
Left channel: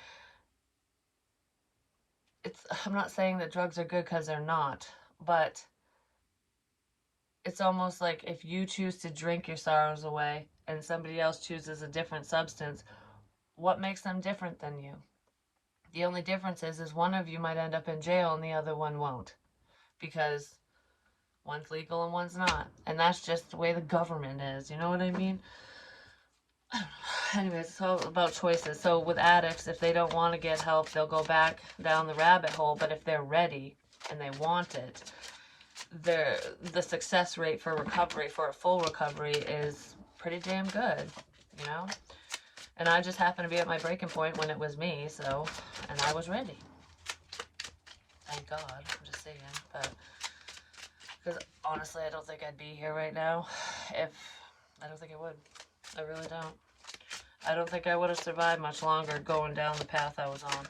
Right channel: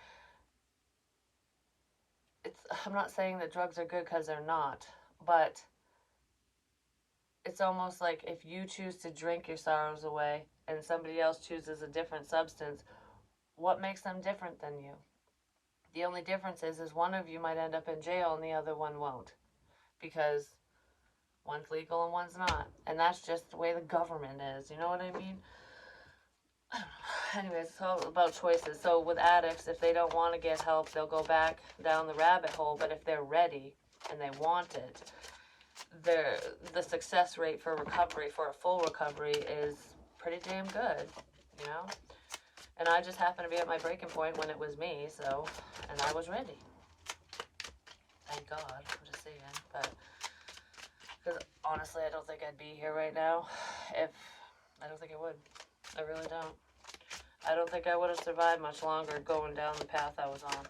I'm not saying that drugs are good, because they're not, but it's almost like if you choose to drink your sorrows away and somebody else chooses a different substance, what makes them different than you? The only difference is one of you might end up in jail and the other one won't, because one's legal and one's not. And that's just the way the government is, you know what I mean? Anyways, it's all about choices. So with addicts, if they don't want to get help, they'll go back down the rabbit hole. But if they're ready and they want it, the success rate for recovery, for a full recovery, is pretty damn good, you know? And I just happened to be at my breaking point when it was me, so, and I was ready. Thank God, I'm just saying. But, because honestly, I don't think I'd be here right now if, I don't think I would. I really don't. I don't think I would have survived much longer going down the path I was on.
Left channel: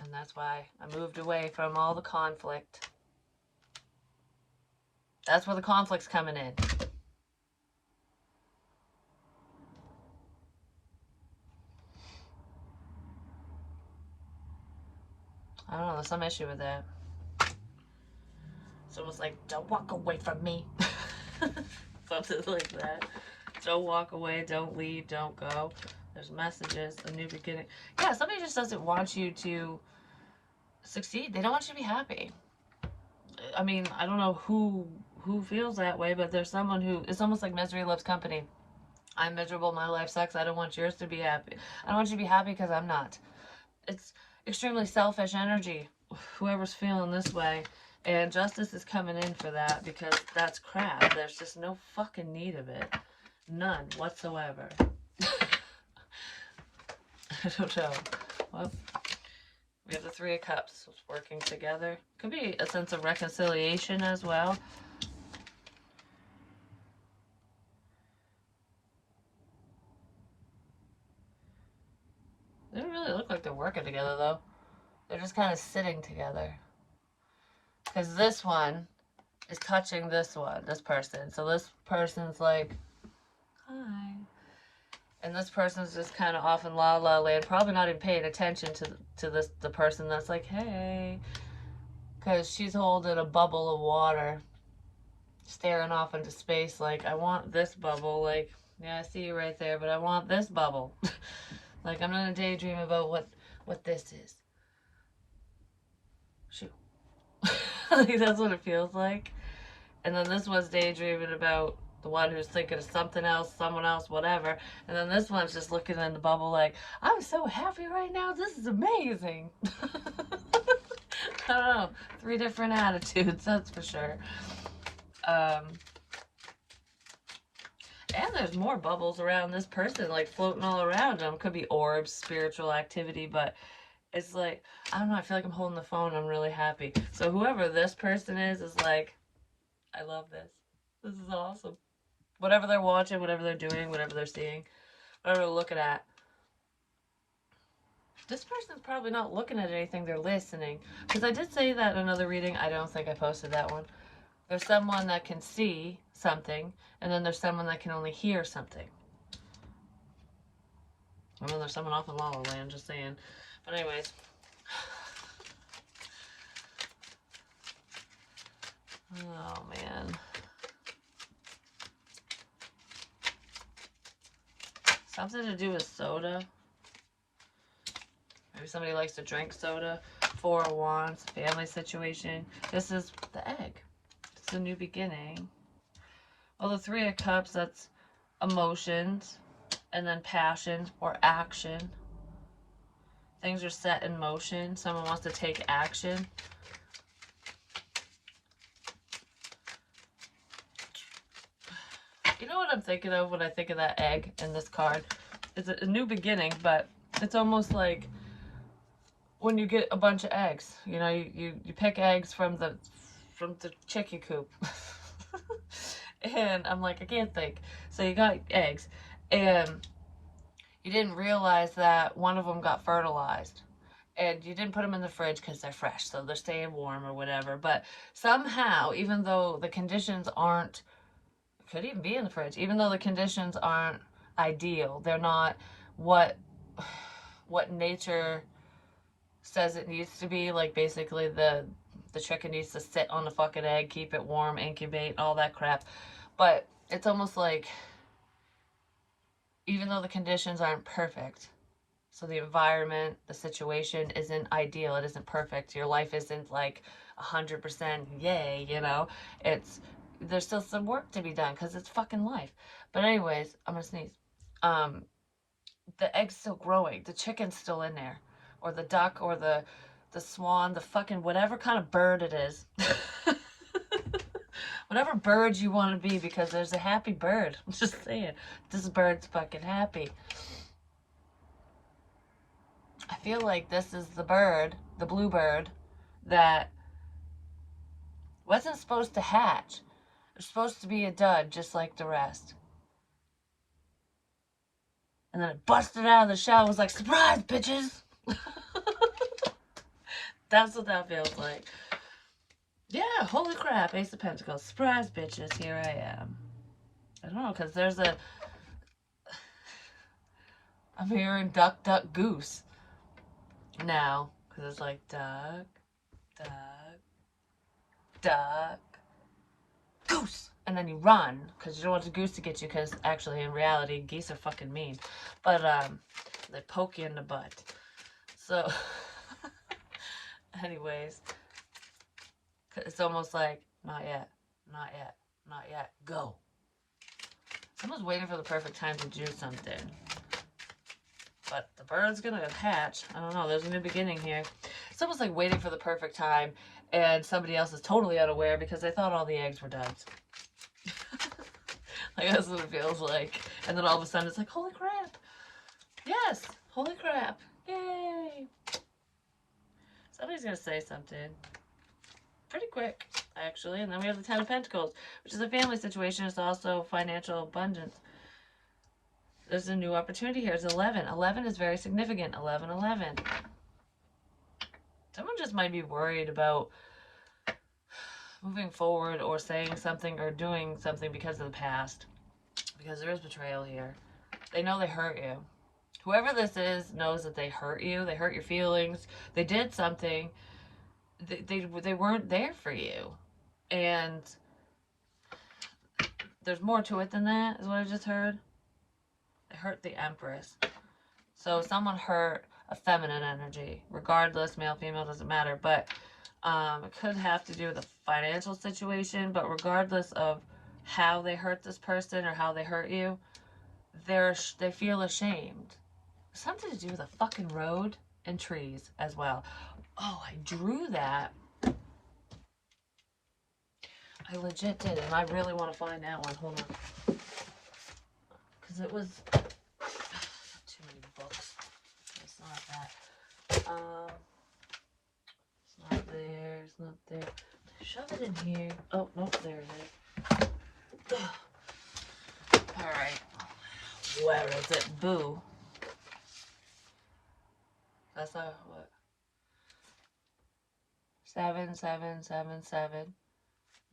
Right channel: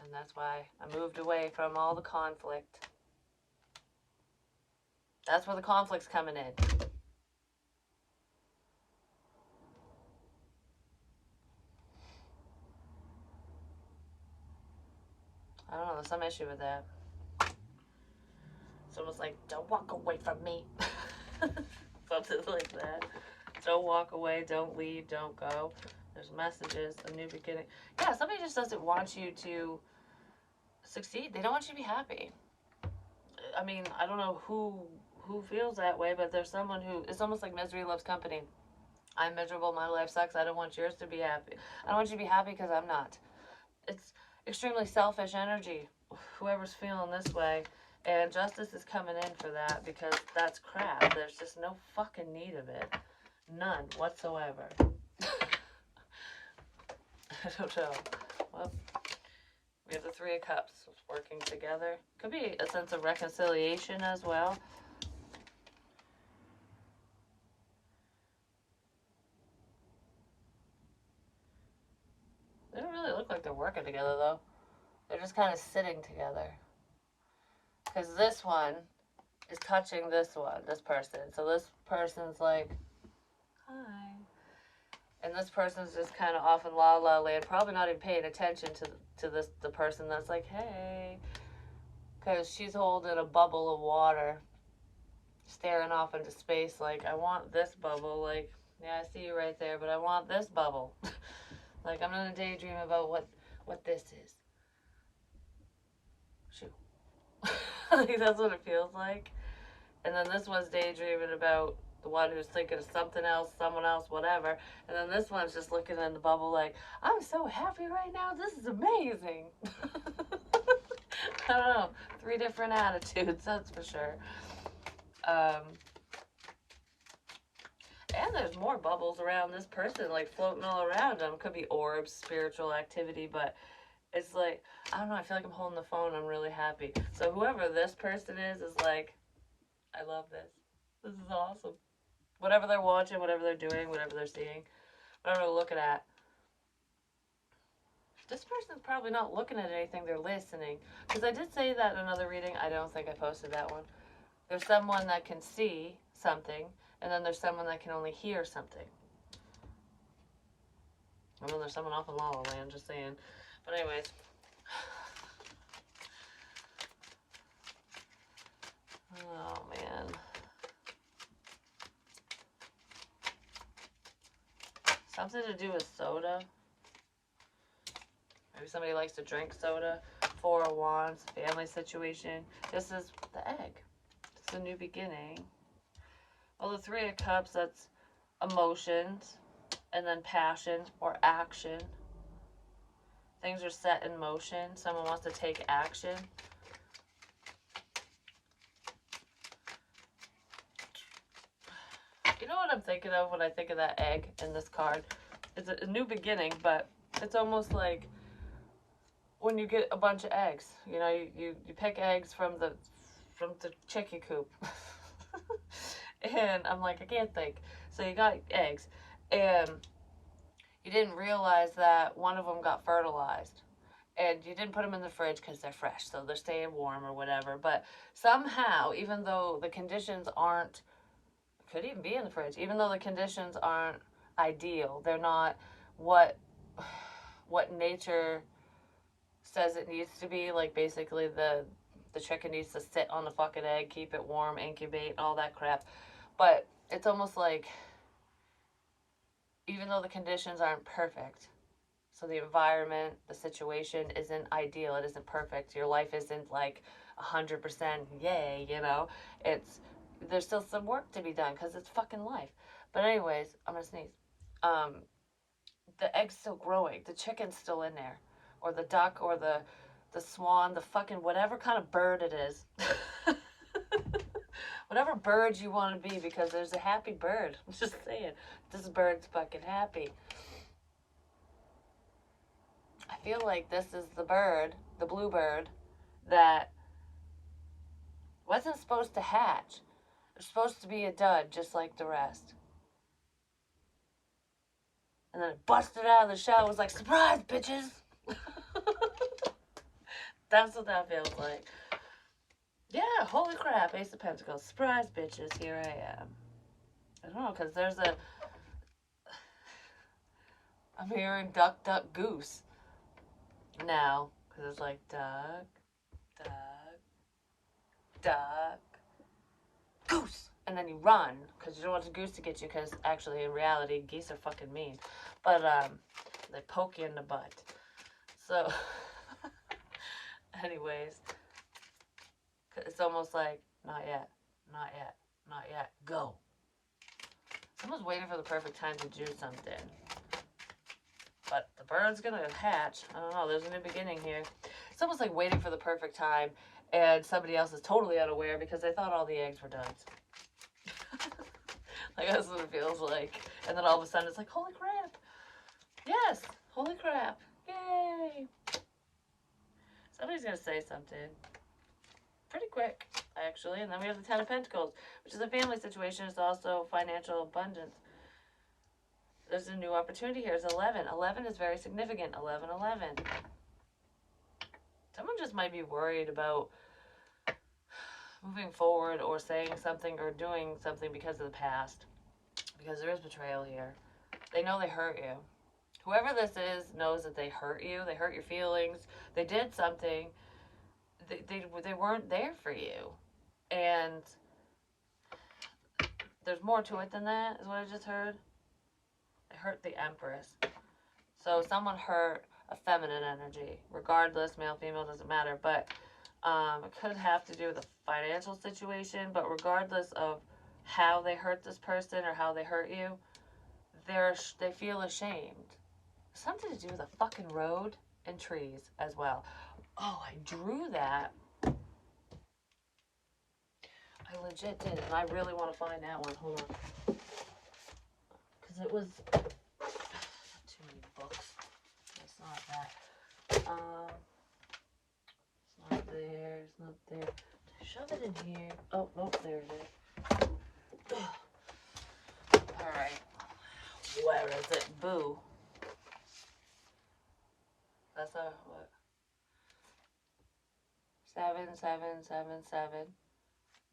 And that's why I moved away from all the conflict. That's where the conflict's coming in. I don't know, there's some issue with that. It's almost like, don't walk away from me. Something like that. Don't walk away, don't leave, don't go. There's messages, a new beginning. Yeah, somebody just doesn't want you to succeed. They don't want you to be happy. I mean, I don't know who feels that way, but there's someone who, it's almost like misery loves company. I'm miserable, my life sucks, I don't want yours to be happy. I don't want you to be happy because I'm not. It's extremely selfish energy, whoever's feeling this way. And justice is coming in for that, because that's crap. There's just no fucking need of it. None whatsoever. I don't know. Well, we have the Three of Cups working together. Could be a sense of reconciliation as well. They don't really look like they're working together, though. They're just kind of sitting together. Because this one is touching this one, this person. So this person's like, hi. And this person's just kind of off in la la land, probably not even paying attention to the person that's like, hey. Because she's holding a bubble of water, staring off into space like, I want this bubble. Like, yeah, I see you right there, but I want this bubble. Like, I'm gonna daydream about what this is. Shoot. Like, that's what it feels like. And then this one's daydreaming about the one who's thinking of something else, someone else, whatever. And then this one's just looking in the bubble like, I'm so happy right now. This is amazing. I don't know. 3 different attitudes, that's for sure. And there's more bubbles around this person, like floating all around them. Could be orbs, spiritual activity, but it's like, I don't know, I feel like I'm holding the phone. I'm really happy. So whoever this person is like, I love this. This is awesome. Whatever they're watching, whatever they're doing, whatever they're seeing, whatever they're looking at. This person's probably not looking at anything, they're listening. Because I did say that in another reading. I don't think I posted that one. There's someone that can see something, and then there's someone that can only hear something. And then there's someone off in La La Land, just saying. But anyways. Oh, man. Something to do with soda. Maybe somebody likes to drink soda. 4 of Wands, family situation. This is the egg. It's a new beginning. Well, the 3 of Cups, that's emotions, and then passion or action. Things are set in motion. Someone wants to take action. You know what I'm thinking of when I think of that egg in this card? It's a new beginning, but it's almost like when you get a bunch of eggs. You know, you pick eggs from the chicken coop. And I'm like, I can't think. So you got eggs, and you didn't realize that one of them got fertilized. And you didn't put them in the fridge because they're fresh, so they're staying warm or whatever. But somehow, even though the conditions aren't, could even be in the fridge, even though the conditions aren't ideal, they're not what nature says it needs to be. Like, basically the chicken needs to sit on the fucking egg, keep it warm, incubate, all that crap. But it's almost like, even though the conditions aren't perfect, so the environment, the situation isn't ideal, it isn't perfect, your life isn't like 100% yay, you know, there's still some work to be done because it's fucking life. But anyways, I'm gonna sneeze. The egg's still growing, the chicken's still in there, or the duck, or the swan, the fucking whatever kind of bird it is. Whatever bird you want to be, because there's a happy bird. I'm just saying, this bird's fucking happy. I feel like this is the bird, the blue bird, that wasn't supposed to hatch. It's supposed to be a dud, just like the rest. And then it busted out of the shell, was like, surprise, bitches! That's what that feels like. Yeah, holy crap, Ace of Pentacles. Surprise, bitches, here I am. I don't know, because there's a... I'm hearing duck, duck, goose now. Because it's like, duck, duck, duck, goose! And then you run, because you don't want the goose to get you, because actually, in reality, geese are fucking mean. But, they poke you in the butt. So, anyways... It's almost like, not yet, not yet, not yet, go. Someone's waiting for the perfect time to do something. But the bird's gonna hatch. I don't know, there's a new beginning here. It's almost like waiting for the perfect time, and somebody else is totally unaware because they thought all the eggs were duds. Like, that's what it feels like. And then all of a sudden it's like, holy crap. Yes, Holy crap. Yay. Somebody's going to say something pretty quick, actually. And then we have the Ten of Pentacles, which is a family situation. It's also financial abundance. There's a new opportunity here. It's 11. 11 is very significant. 11, 11. Someone just might be worried about moving forward or saying something or doing something because of the past. Because there is betrayal here. They know they hurt you. Whoever this is knows that they hurt you. They hurt your feelings. They did something. They weren't there for you. And there's more to it than that, is what I just heard. They hurt the Empress. So someone hurt a feminine energy. Regardless, male, female, doesn't matter. But it could have to do with a financial situation. But regardless of how they hurt this person or how they hurt you, they feel ashamed. Something to do with a fucking road and trees as well. Oh, I drew that. I legit did, and I really want to find that one. Hold on. Because it was... too many books. It's not that. It's not there. It's not there. Shove it in here. Oh, nope, there it is. Alright. Where is it? Boo. That's a what? 7, 7, 7, 7.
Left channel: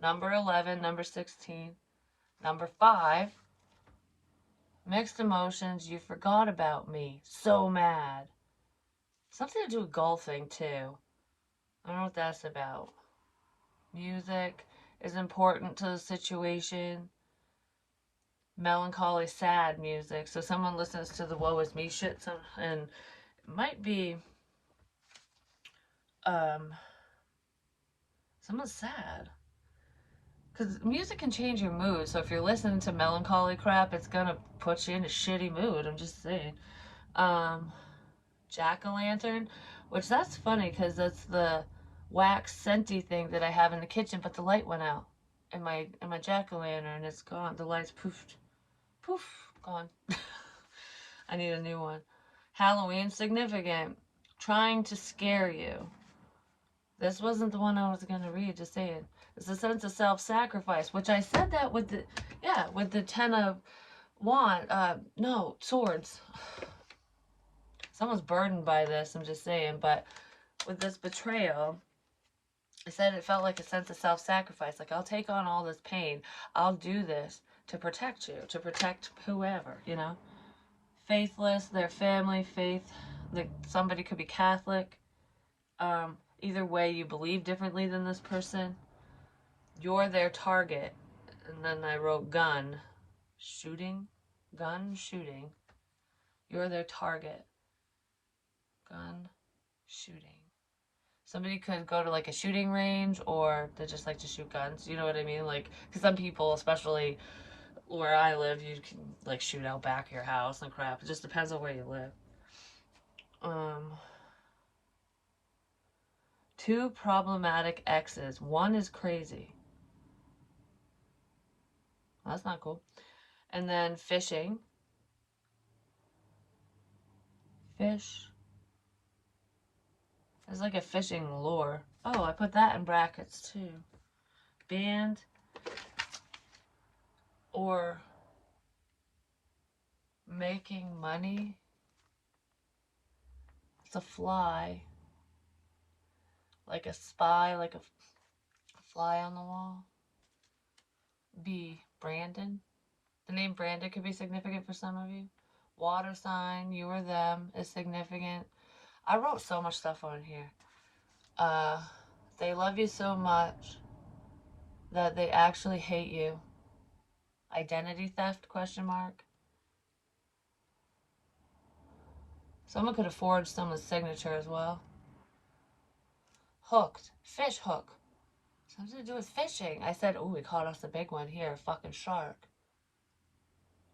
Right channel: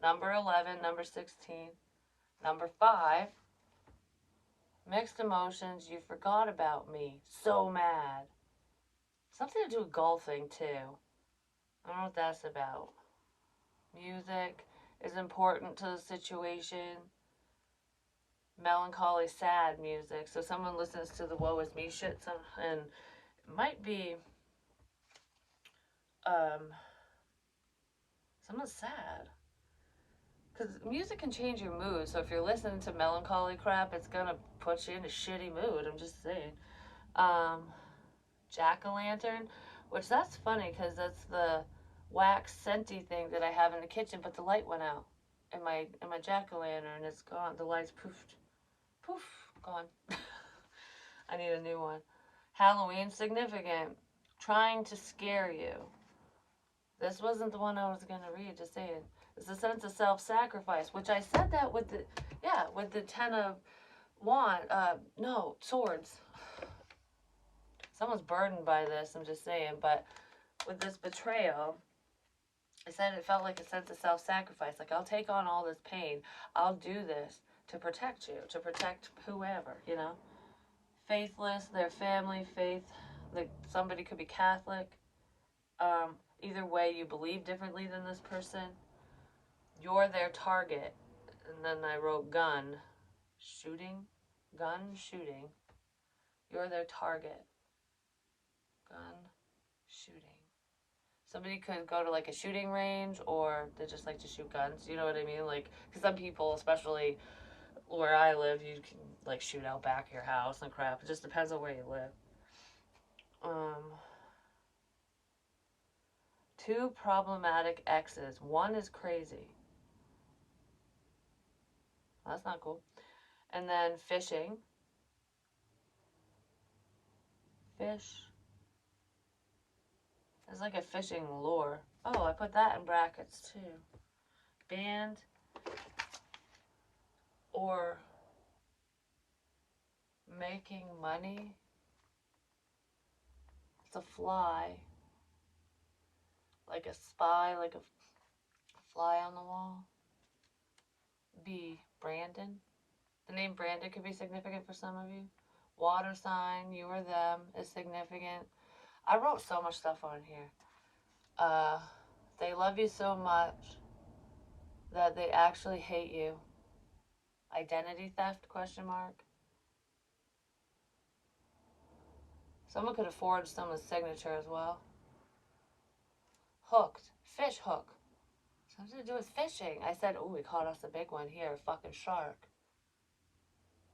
Number 11, number 16. Number 5. Mixed emotions. You forgot about me. So mad. Something to do with golfing, too. I don't know what that's about. Music is important to the situation. Melancholy, sad music. So someone listens to the woe is me shit and it might be someone's sad. Because music can change your mood. So if you're listening to melancholy crap, it's gonna put you in a shitty mood. I'm just saying. Jack-o'-lantern, which that's funny because that's the wax scenty thing that I have in the kitchen, but the light went out in my jack-o'-lantern. It's gone. The light's poofed. Poof, gone. I need a new one. Halloween, significant. Trying to scare you. This wasn't the one I was going to read, just saying. It's a sense of self-sacrifice, which I said that with the, with the 10 of swords. Someone's burdened by this, I'm just saying, but with this betrayal, I said it felt like a sense of self-sacrifice. Like, I'll take on all this pain. I'll do this to protect you, to protect whoever, you know? Faithless, their family, faith, somebody could be Catholic. Either way, you believe differently than this person. You're their target. And then I wrote gun, shooting. You're their target. Gun, shooting. Somebody could go to like a shooting range, or they just like to shoot guns. You know what I mean? Like, because some people, especially where I live, you can like shoot out back of your house and crap. It just depends on where you live. 2 problematic exes. 1 is crazy. Well, that's not cool. And then fishing. Fish. It's like a fishing lure. Oh, I put that in brackets too. Band. Or making money. It's a fly. Like a spy, like a fly on the wall. B, Brandon. The name Brandon could be significant for some of you. Water sign, you or them, is significant. I wrote so much stuff on here. They love you so much that they actually hate you. Identity theft, question mark. Someone could have forged someone's signature as well. Hooked. Fish hook. Something to do with fishing. I said, oh, we caught us a big one here. A fucking shark.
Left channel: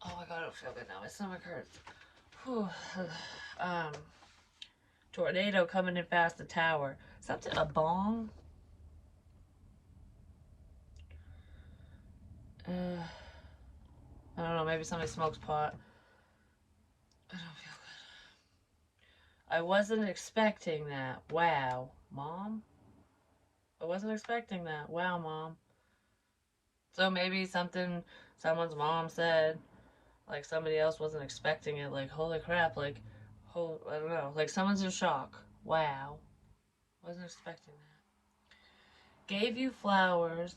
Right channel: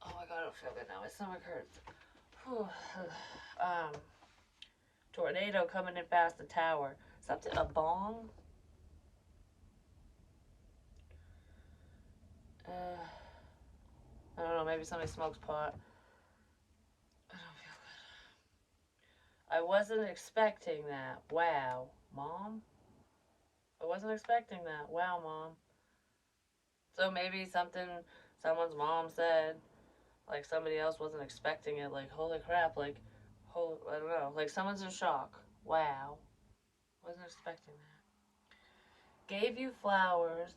Oh my god, I don't feel good now. My stomach hurts. Whew. Tornado coming in past the tower. Something, a bong? I don't know, maybe somebody smokes pot. I don't feel good. I wasn't expecting that. Wow, Mom? I wasn't expecting that. Wow, Mom. So maybe someone's mom said, like somebody else wasn't expecting it, like, holy crap, like, I don't know, like someone's in shock. Wow. Wasn't expecting that. Gave you flowers.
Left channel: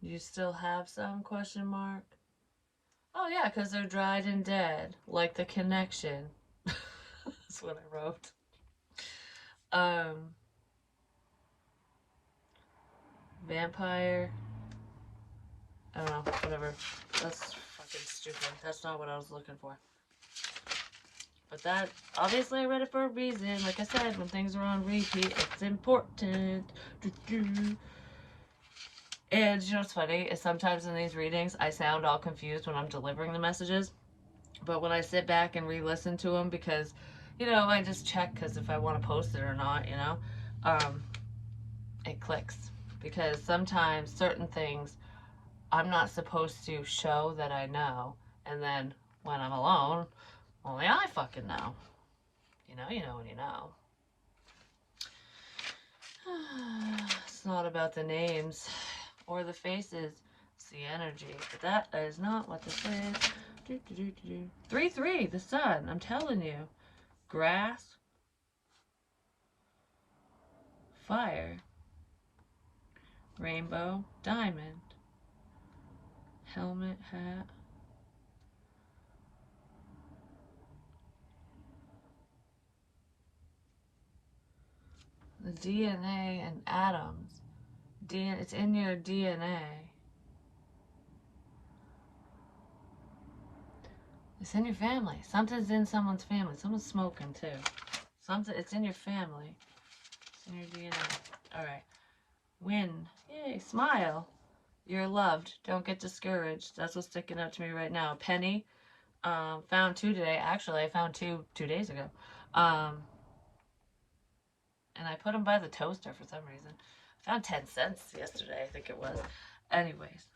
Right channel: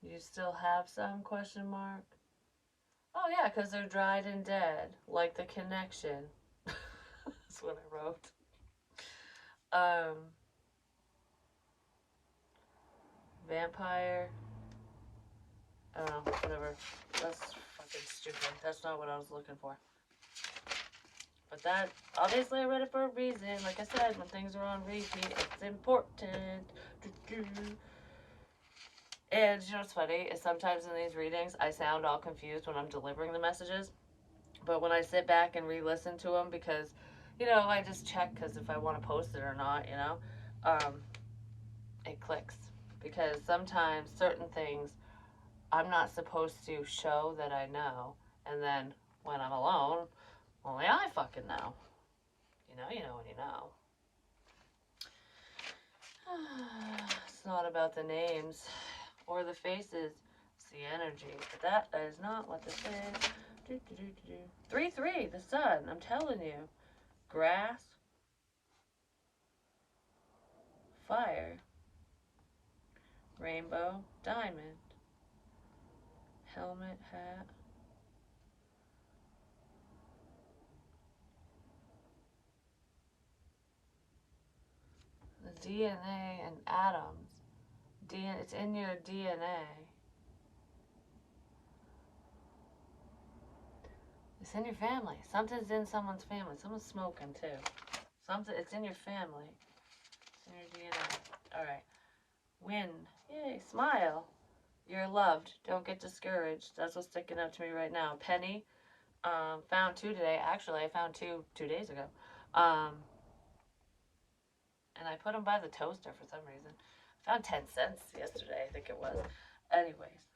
You still have some, question mark? Oh yeah, because they're dried and dead, like the connection. That's what I wrote. Vampire. I don't know, whatever. That's fucking stupid. That's not what I was looking for. But that, obviously I read it for a reason. Like I said, when things are on repeat, it's important. And you know what's funny is sometimes in these readings, I sound all confused when I'm delivering the messages. But when I sit back and re-listen to them, because, you know, I just check because if I want to post it or not, you know, it clicks. Because sometimes certain things I'm not supposed to show that I know. And then when I'm alone, only I fucking know. You know when you know. It's not about the names or the faces. It's the energy. But that is not what this is. 3-3, the sun. I'm telling you. Grass. Fire. Rainbow. Diamond. Helmet. Hat. The DNA and atoms. It's in your DNA. It's in your family. Something's in someone's family. Someone's smoking too. It's in your family. It's in your DNA. Alright. Win. Yay. Smile. You're loved. Don't get discouraged. That's what's sticking out to me right now. Penny. Found 2 today. Actually, I found 2 days ago. And I put them by the toaster for some reason. I found 10 cents yesterday, I think it was. Anyways.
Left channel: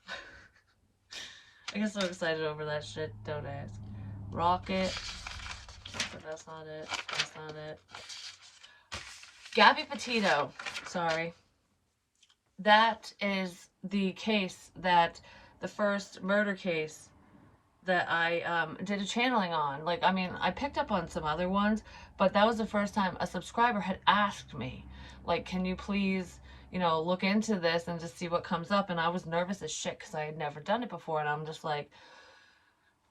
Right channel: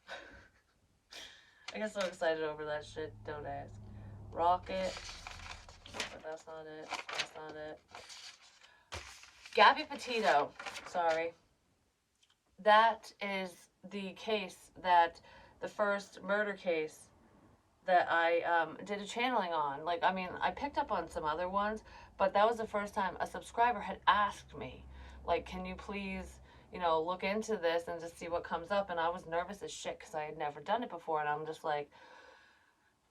I get so excited over that shit. Don't ask. Rocket. But that's not it. That's not it. Gabby Petito. Sorry. That is the case that the first murder case that I did a channeling on. Like, I mean, I picked up on some other ones, but that was the first time a subscriber had asked me, like, can you please, you know, look into this and just see what comes up? And I was nervous as shit because I had never done it before. And I'm just like,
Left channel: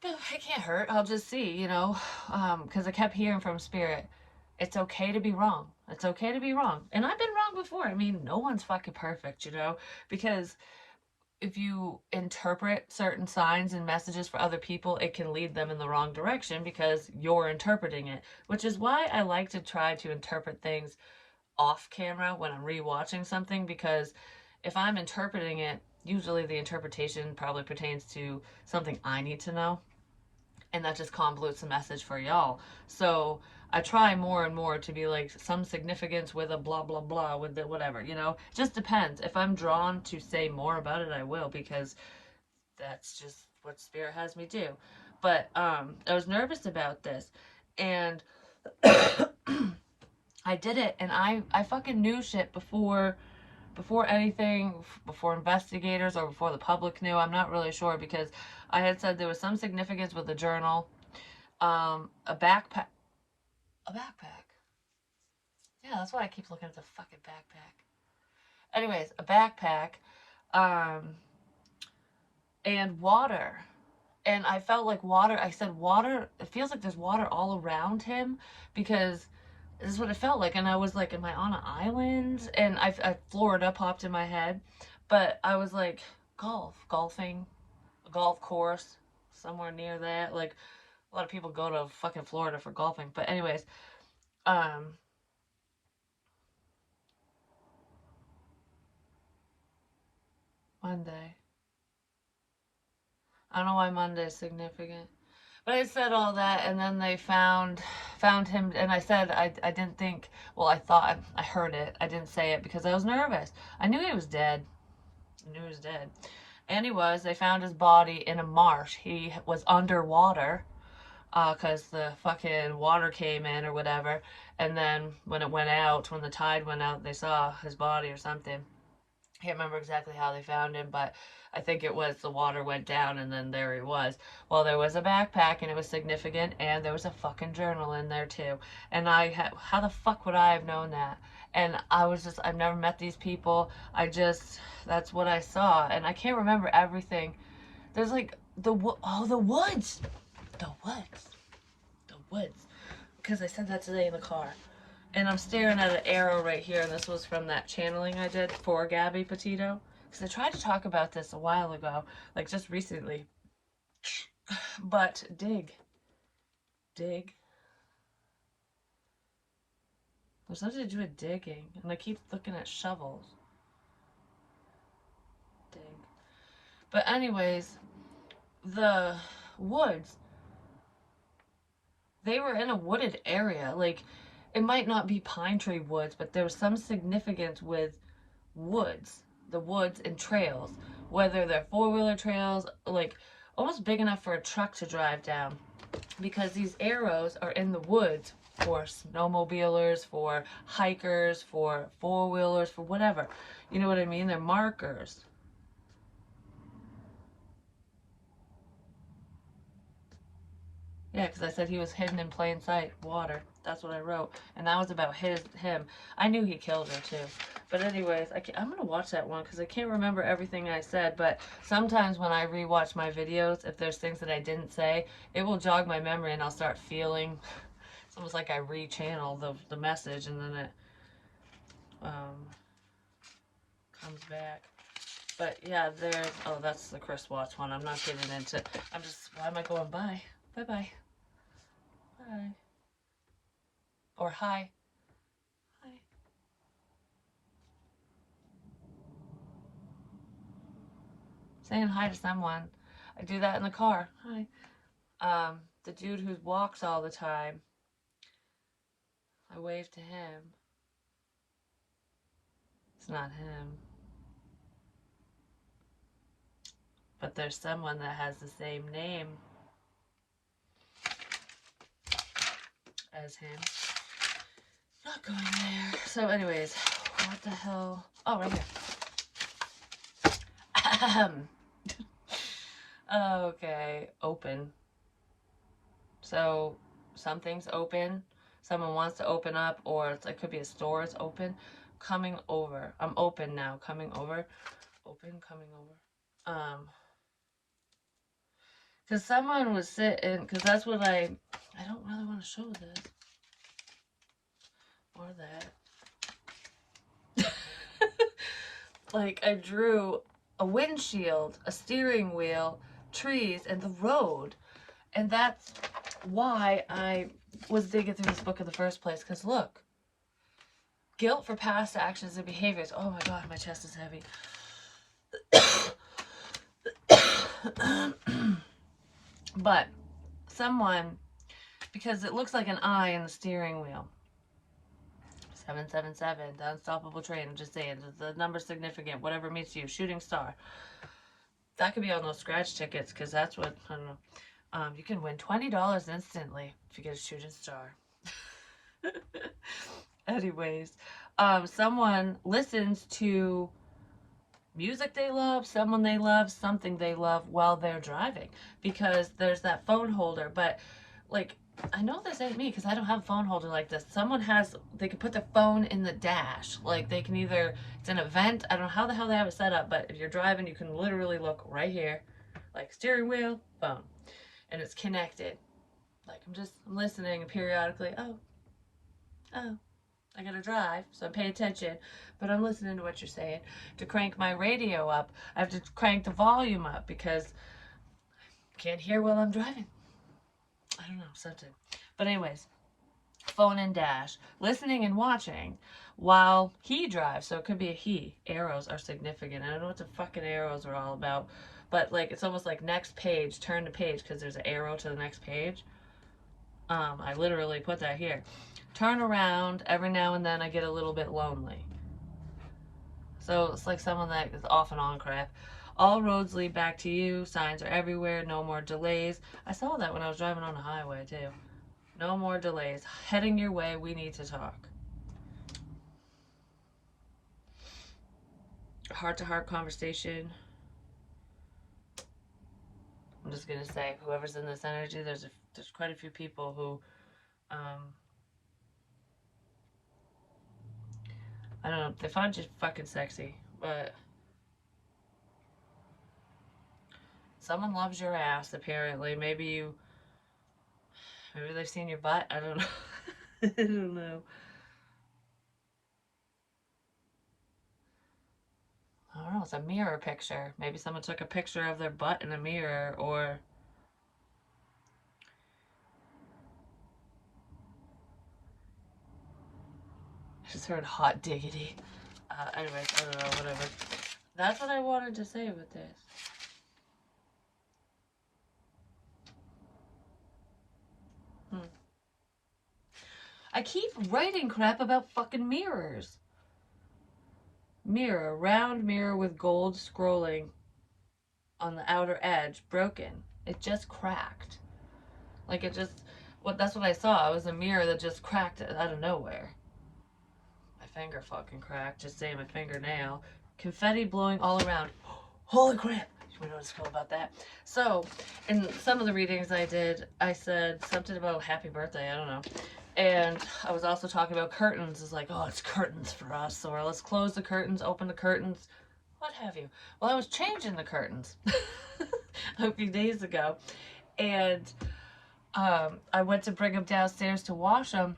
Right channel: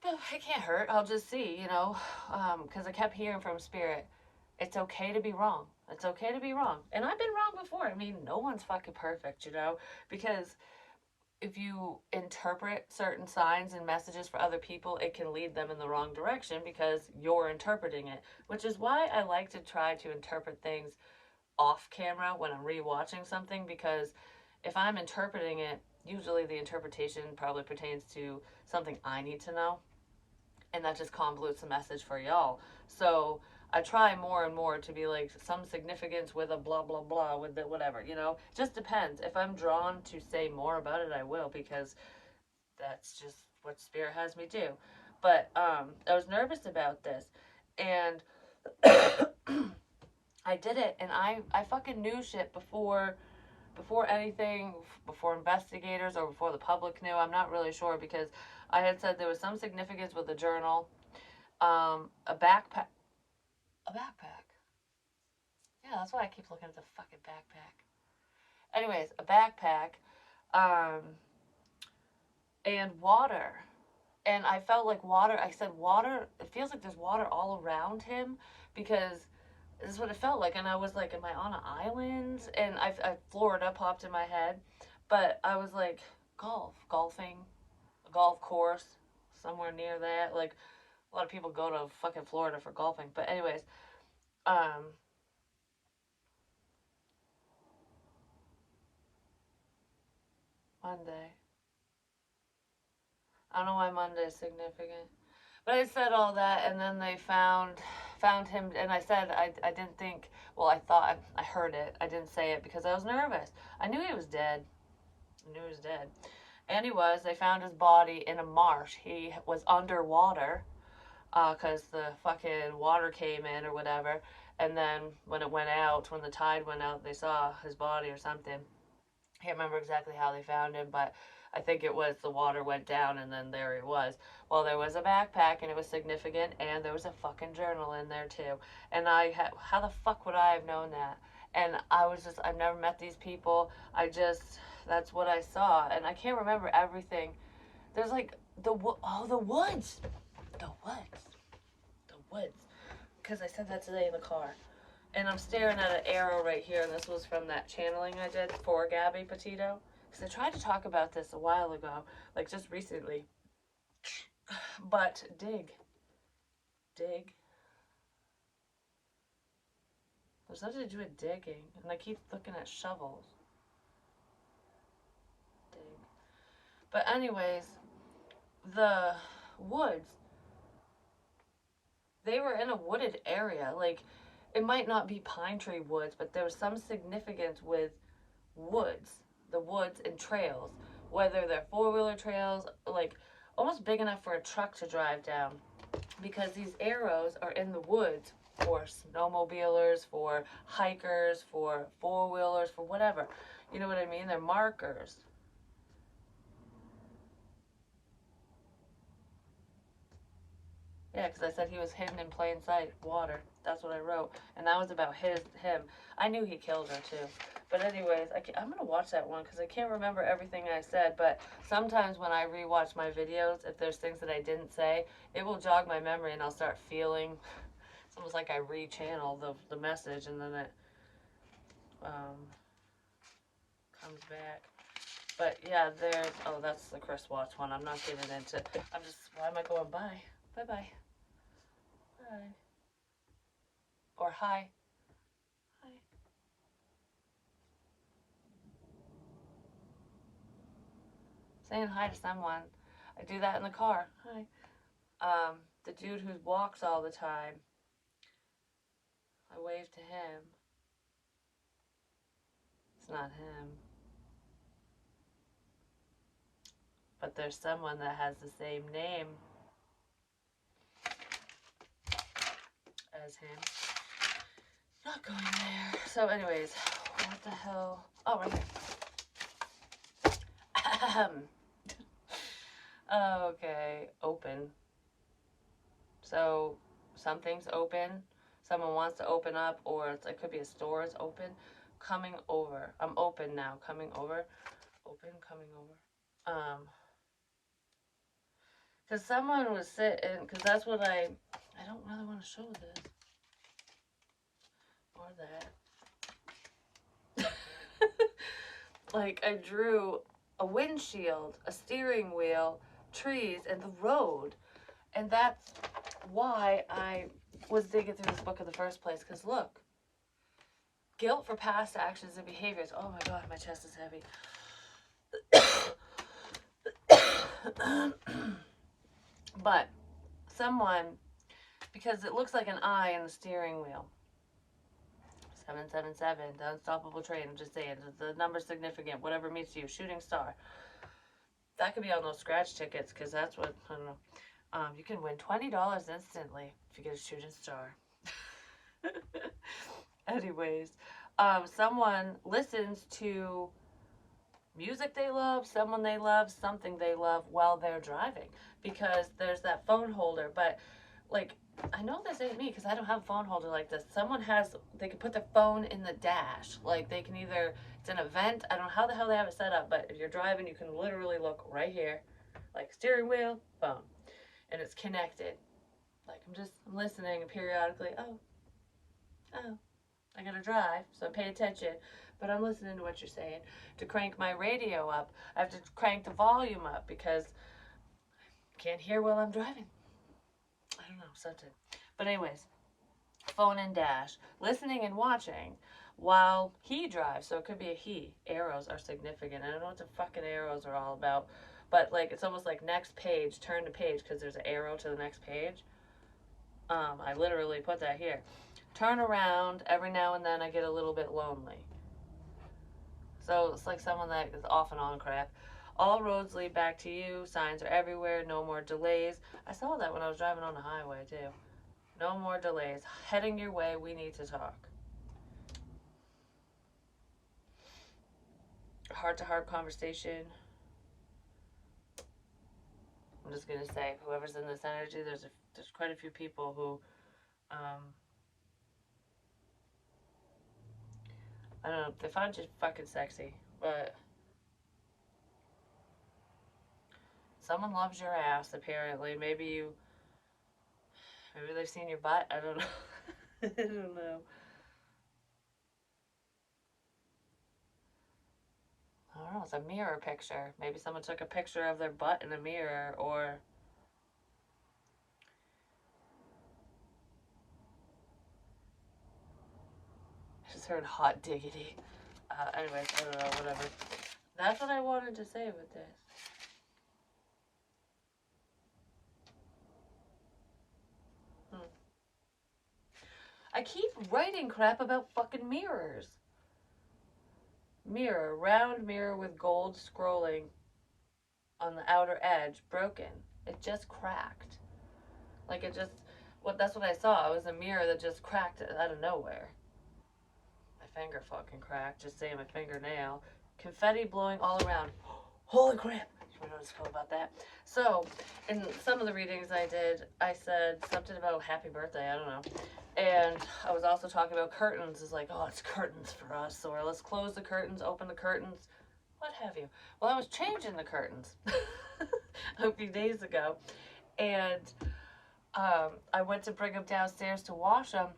it can't hurt. I'll just see, you know, because I kept hearing from Spirit, it's okay to be wrong. It's okay to be wrong. And I've been wrong before. I mean, no one's fucking perfect, you know, because if you interpret certain signs and messages for other people, it can lead them in the wrong direction because you're interpreting it, which is why I like to try to interpret things off camera when I'm rewatching something, because if I'm interpreting it, usually the interpretation probably pertains to something I need to know, and that just convolutes the message for y'all. So I try more and more to be like some significance with a blah blah blah with the whatever, you know. It just depends. If I'm drawn to say more about it, I will, because that's just what Spirit has me do. But I was nervous about this, and I did it, and I fucking knew shit before anything, before investigators or before the public knew. I'm not really sure, because I had said there was some significance with the journal, a backpack. A backpack. Yeah, that's why I keep looking at the fucking backpack. Anyways, a backpack, and water. And I felt like water. I said water. It feels like there's water all around him, because this is what it felt like. And I was like, am I on an island? And Florida popped in my head. But I was like, golfing, a golf course, somewhere near that. Like, a lot of people go to fucking Florida for golfing. But anyways, Monday. I don't know why Monday is significant. But I said all that, and then they found him, and I said I didn't think, well, I thought, I heard it. I didn't say it because I was nervous. I knew he was dead. I knew he was dead. And he was. They found his body in a marsh. He was underwater. because the fucking water came in or whatever. And then when it went out, when the tide went out, they saw his body or something. I can't remember exactly how they found him, but I think it was the water went down and then there he was. Well, there was a backpack and it was significant, and there was a fucking journal in there too. And how the fuck would I have known that? And I've never met these people. That's what I saw. And I can't remember everything. There's like the woods. The woods. The woods. Because I said that today in the car. And I'm staring at an arrow right here. And this was from that channeling I did for Gabby Petito. Because I tried to talk about this a while ago. Like just recently. But dig. Dig. There's nothing to do with digging. And I keep looking at shovels. Dig. But anyways, the woods. They were in a wooded area. Like, it might not be pine tree woods, but there was some significance with woods. The woods and trails. Whether they're four-wheeler trails, like, almost big enough for a truck to drive down. Because these arrows are in the woods for snowmobilers, for hikers, for four-wheelers, for whatever. You know what I mean? They're markers. Yeah, because I said he was hidden in plain sight. Water. That's what I wrote. And that was about him. I knew he killed her, too. But anyways, I'm going to watch that one because I can't remember everything I said. But sometimes when I rewatch my videos, if there's things that I didn't say, it will jog my memory and I'll start feeling. It's almost like I re-channel the message and then it comes back. But yeah, oh, that's the Chris Watts one. I'm not getting into, why am I going by? Bye-bye. Bye. Or hi. Hi. Saying hi to someone. I do that in the car. Hi. The dude who walks all the time. I wave to him. It's not him. But there's someone that has the same name as him. Not going there. So anyways, what the hell? Oh, right here. Okay, open. So something's open. Someone wants to open up, or it could be a store is open. Coming over. I'm open now. Coming over. Open, coming over. Because someone was sitting, because that's what I don't really want to show this. Or that. Like, I drew a windshield, a steering wheel, trees, and the road. And that's why I was digging through this book in the first place. Because look. Guilt for past actions and behaviors. Oh my god, my chest is heavy. But someone, because it looks like an eye in the steering wheel. 777, the unstoppable train. I'm just saying, the number's significant. Whatever meets you. Shooting star. That could be on those scratch tickets, because that's what, I don't know. You can win $20 instantly if you get a shooting star. Anyways, someone listens to music they love, someone they love, something they love while they're driving, because there's that phone holder. But like, I know this ain't me because I don't have a phone holder like this. They can put their phone in the dash. Like, they can either, it's an event, I don't know how the hell they have it set up, but if you're driving, you can literally look right here, like steering wheel, phone, and it's connected. Like, I'm listening, and periodically, oh, I gotta drive, so I'm paying attention, but I'm listening to what you're saying. To crank my radio up, I have to crank the volume up because I can't hear while I'm driving. I don't know, something. But anyways, phone and dash, listening and watching while he drives. So it could be a he. Arrows are significant. I don't know what the fucking arrows are all about, but like, it's almost like next page, turn to page, because there's an arrow to the next page. I literally put that here. Turn around. Every now and then I get a little bit lonely. So it's like someone that is off and on crap. All roads lead back to you. Signs are everywhere. No more delays. I saw that when I was driving on the highway, too. No more delays. Heading your way. We need to talk. Heart-to-heart conversation. I'm just gonna say, whoever's in this energy, there's quite a few people who, I don't know, they find you fucking sexy, but someone loves your ass. Apparently, maybe they've seen your butt. I don't know. I don't know. I don't know. It's a mirror picture. Maybe someone took a picture of their butt in a mirror, or I just heard hot diggity. Anyways, I don't know. Whatever. That's what I wanted to say with this. I keep writing crap about fucking mirrors. Mirror, round mirror with gold scrolling on the outer edge, broken. It just cracked. Like it just, that's what I saw. It was a mirror that just cracked out of nowhere. My finger fucking cracked. Just saying, my fingernail. Confetti blowing all around. Holy crap! We don't know about that. So, in some of the readings I did, I said something about happy birthday. I don't know. And I was also talking about curtains. It's like, oh, it's curtains for us. Or let's close the curtains, open the curtains, what have you. Well, I was changing the curtains a few days ago. And I went to bring them downstairs to wash them.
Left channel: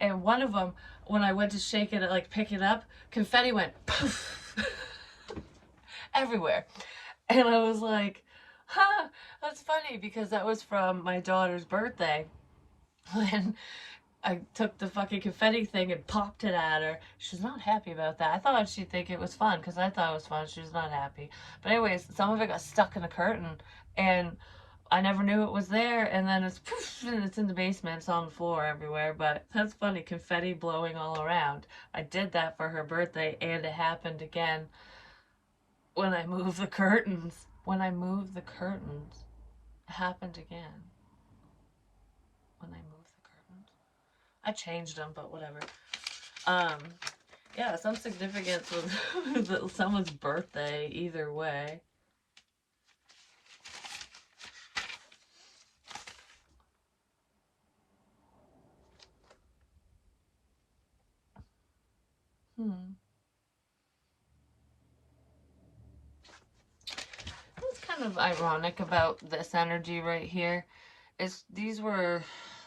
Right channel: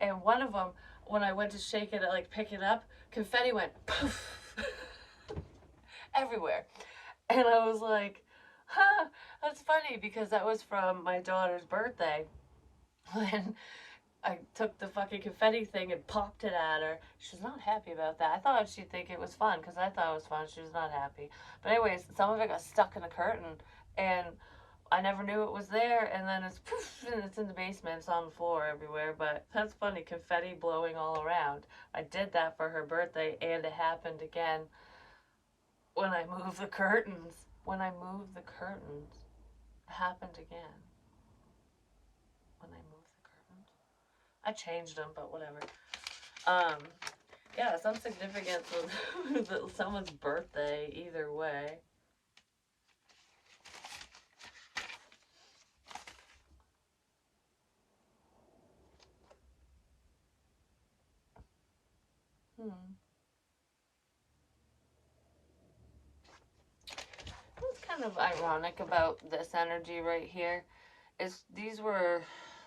And one of them, when I went to shake it, like pick it up, confetti went poof everywhere. And I was like, huh, that's funny because that was from my daughter's birthday. When I took the fucking confetti thing and popped it at her. She's not happy about that. I thought she'd think it was fun because I thought it was fun. She was not happy. But anyways, some of it got stuck in the curtain and I never knew it was there. And then it's poof, and it's in the basement. It's on the floor everywhere. But that's funny. Confetti blowing all around. I did that for her birthday and it happened again when I moved the curtains. When I moved the curtains, it happened again. When I moved the curtains. I changed them, but whatever. Yeah, some significance with someone's birthday, either way. What's kind of ironic about this energy right here is these were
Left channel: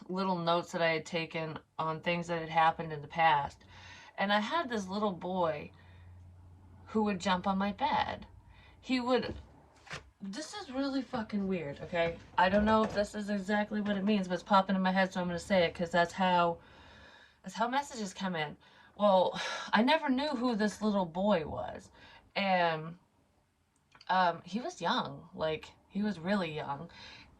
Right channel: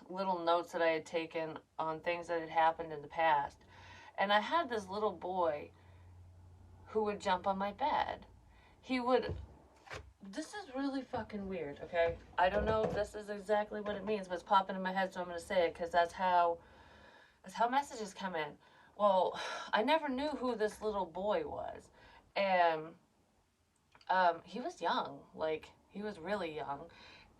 little notes that I had taken on things that had happened in the past. And I had this little boy who would jump on my bed. He would. This is really fucking weird, okay? I don't know if this is exactly what it means, but it's popping in my head, so I'm gonna say it because that's how messages come in. Well, I never knew who this little boy was, and he was young, like he was really young,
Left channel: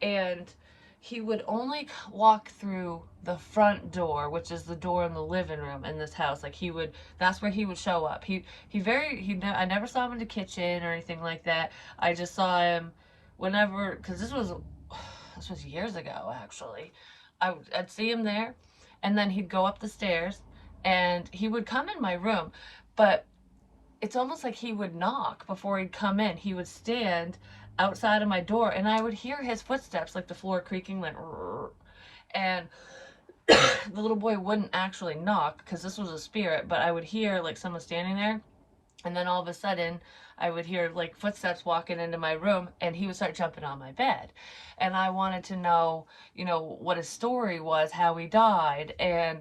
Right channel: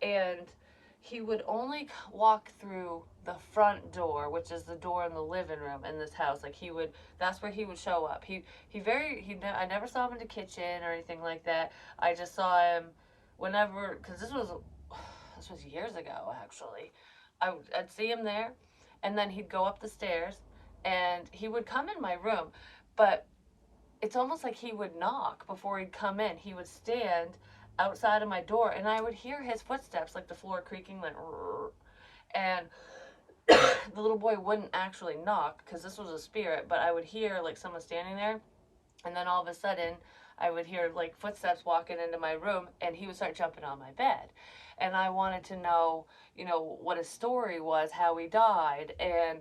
and he would only walk through the front door, which is the door in the living room in this house. Like he would, that's where he would show up. I never saw him in the kitchen or anything like that. I just saw him whenever, because this was years ago actually. I'd see him there, and then he'd go up the stairs, and he would come in my room, but it's almost like he would knock before he'd come in. He would stand outside of my door and I would hear his footsteps, like the floor creaking, like, and the little boy wouldn't actually knock because this was a spirit, but I would hear like someone standing there, and then all of a sudden I would hear like footsteps walking into my room and he would start jumping on my bed. And I wanted to know, what his story was, how he died. And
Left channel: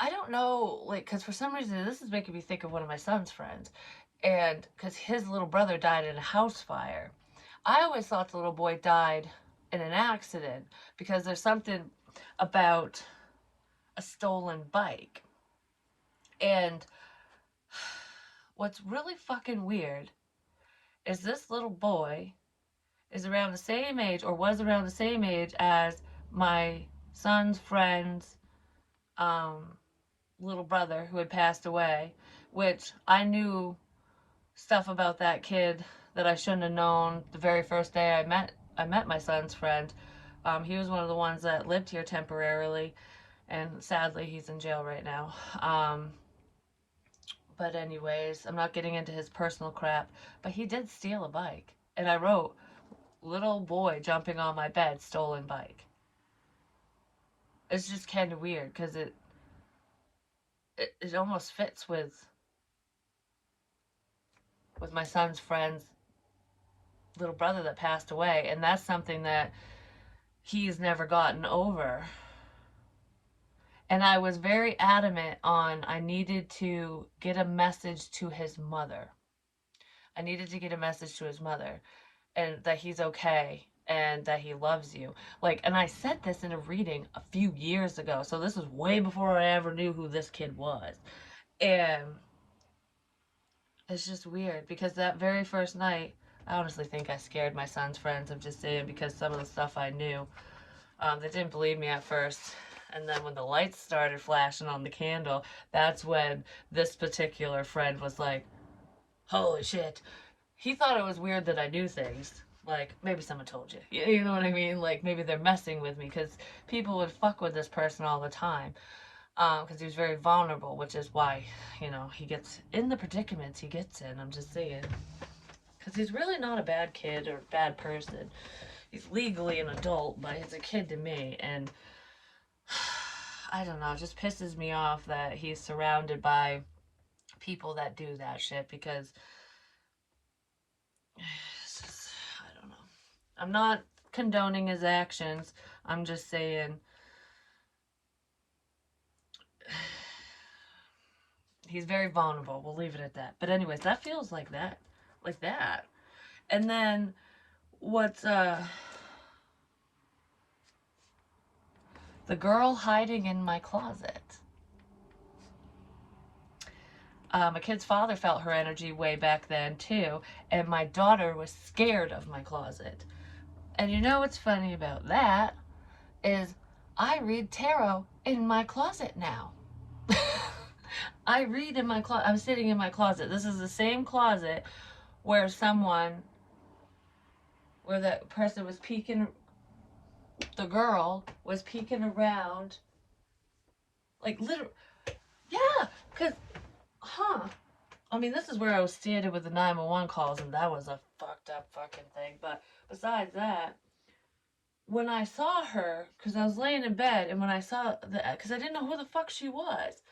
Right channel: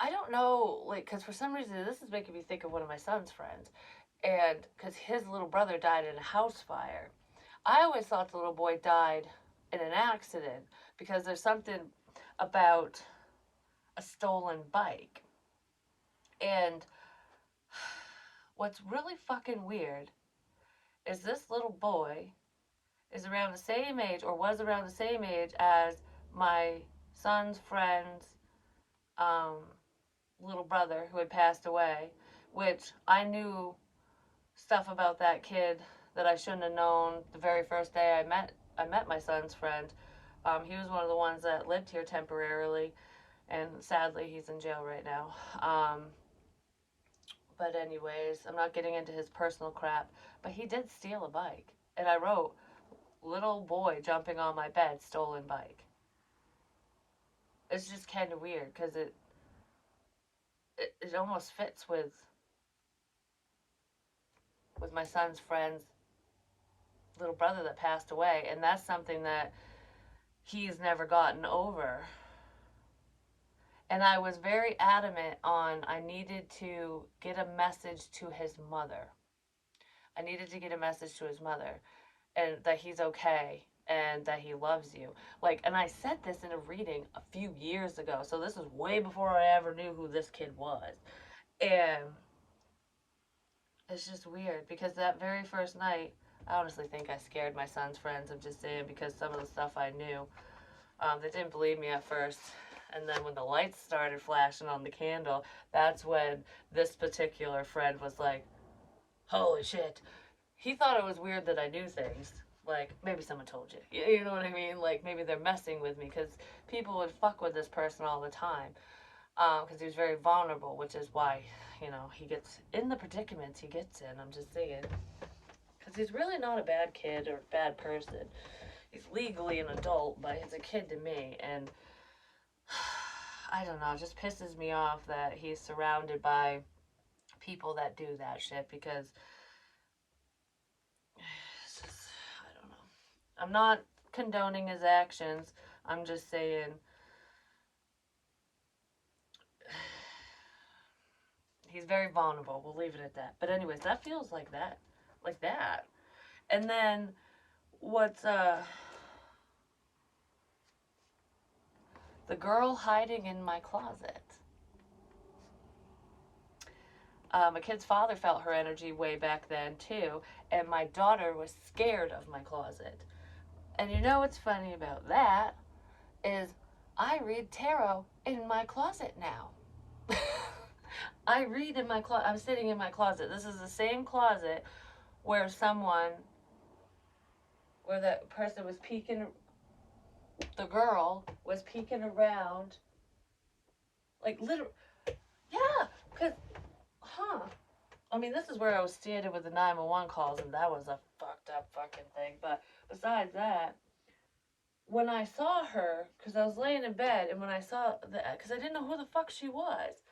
I don't know, like, because for some reason this is making me think of one of my son's friends. And because his little brother died in a house fire. I always thought the little boy died in an accident because there's something about a stolen bike. And what's really fucking weird is this little boy is around the same age, or was around the same age as my son's friend's little brother who had passed away, which I knew stuff about that kid that I shouldn't have known the very first day I met my son's friend. He was one of the ones that lived here temporarily, and sadly he's in jail right now. But anyways, I'm not getting into his personal crap, but he did steal a bike. And I wrote, little boy jumping on my bed, stolen bike. It's just kind of weird because it almost fits with my son's friend's little brother that passed away, and that's something that he's never gotten over. And I was very adamant on I needed to get a message to his mother. I needed to get a message to his mother, and that he's okay and that he loves you. Like, and I said this in a reading a few years ago, so this was way before I ever knew who this kid was. And it's just weird because that very first night, I honestly think I scared my son's friends. I'm just saying, because some of the stuff I knew, they didn't believe me at first. And then when the lights started flashing on the candle, that's when this particular friend was like, holy shit. He thought it was weird that I knew things. Like, maybe someone told you. You know what I mean? Like, maybe they're messing with me, because people would fuck with this person all the time. Because he was very vulnerable, which is why, you know, he gets in the predicaments he gets in. I'm just saying. Because he's really not a bad kid or bad person. He's legally an adult, but he's a kid to me. And I don't know, it just pisses me off that he's surrounded by people that do that shit, because just, I don't know. I'm not condoning his actions. I'm just saying he's very vulnerable. We'll leave it at that. But anyways, that feels like that. Like that. And then what's the girl hiding in my closet. My kid's father felt her energy way back then too, and my daughter was scared of my closet. And you know what's funny about that is I read tarot in my closet now. I read in my closet. I'm sitting in my closet. This is the same closet where that person was peeking, the girl was peeking around. Like, literally, yeah, because, I mean, this is where I was standing with the 911 calls, and that was a fucked up fucking thing. But besides that, when I saw her, because I was laying in bed, and when I saw because I didn't know who the fuck she was,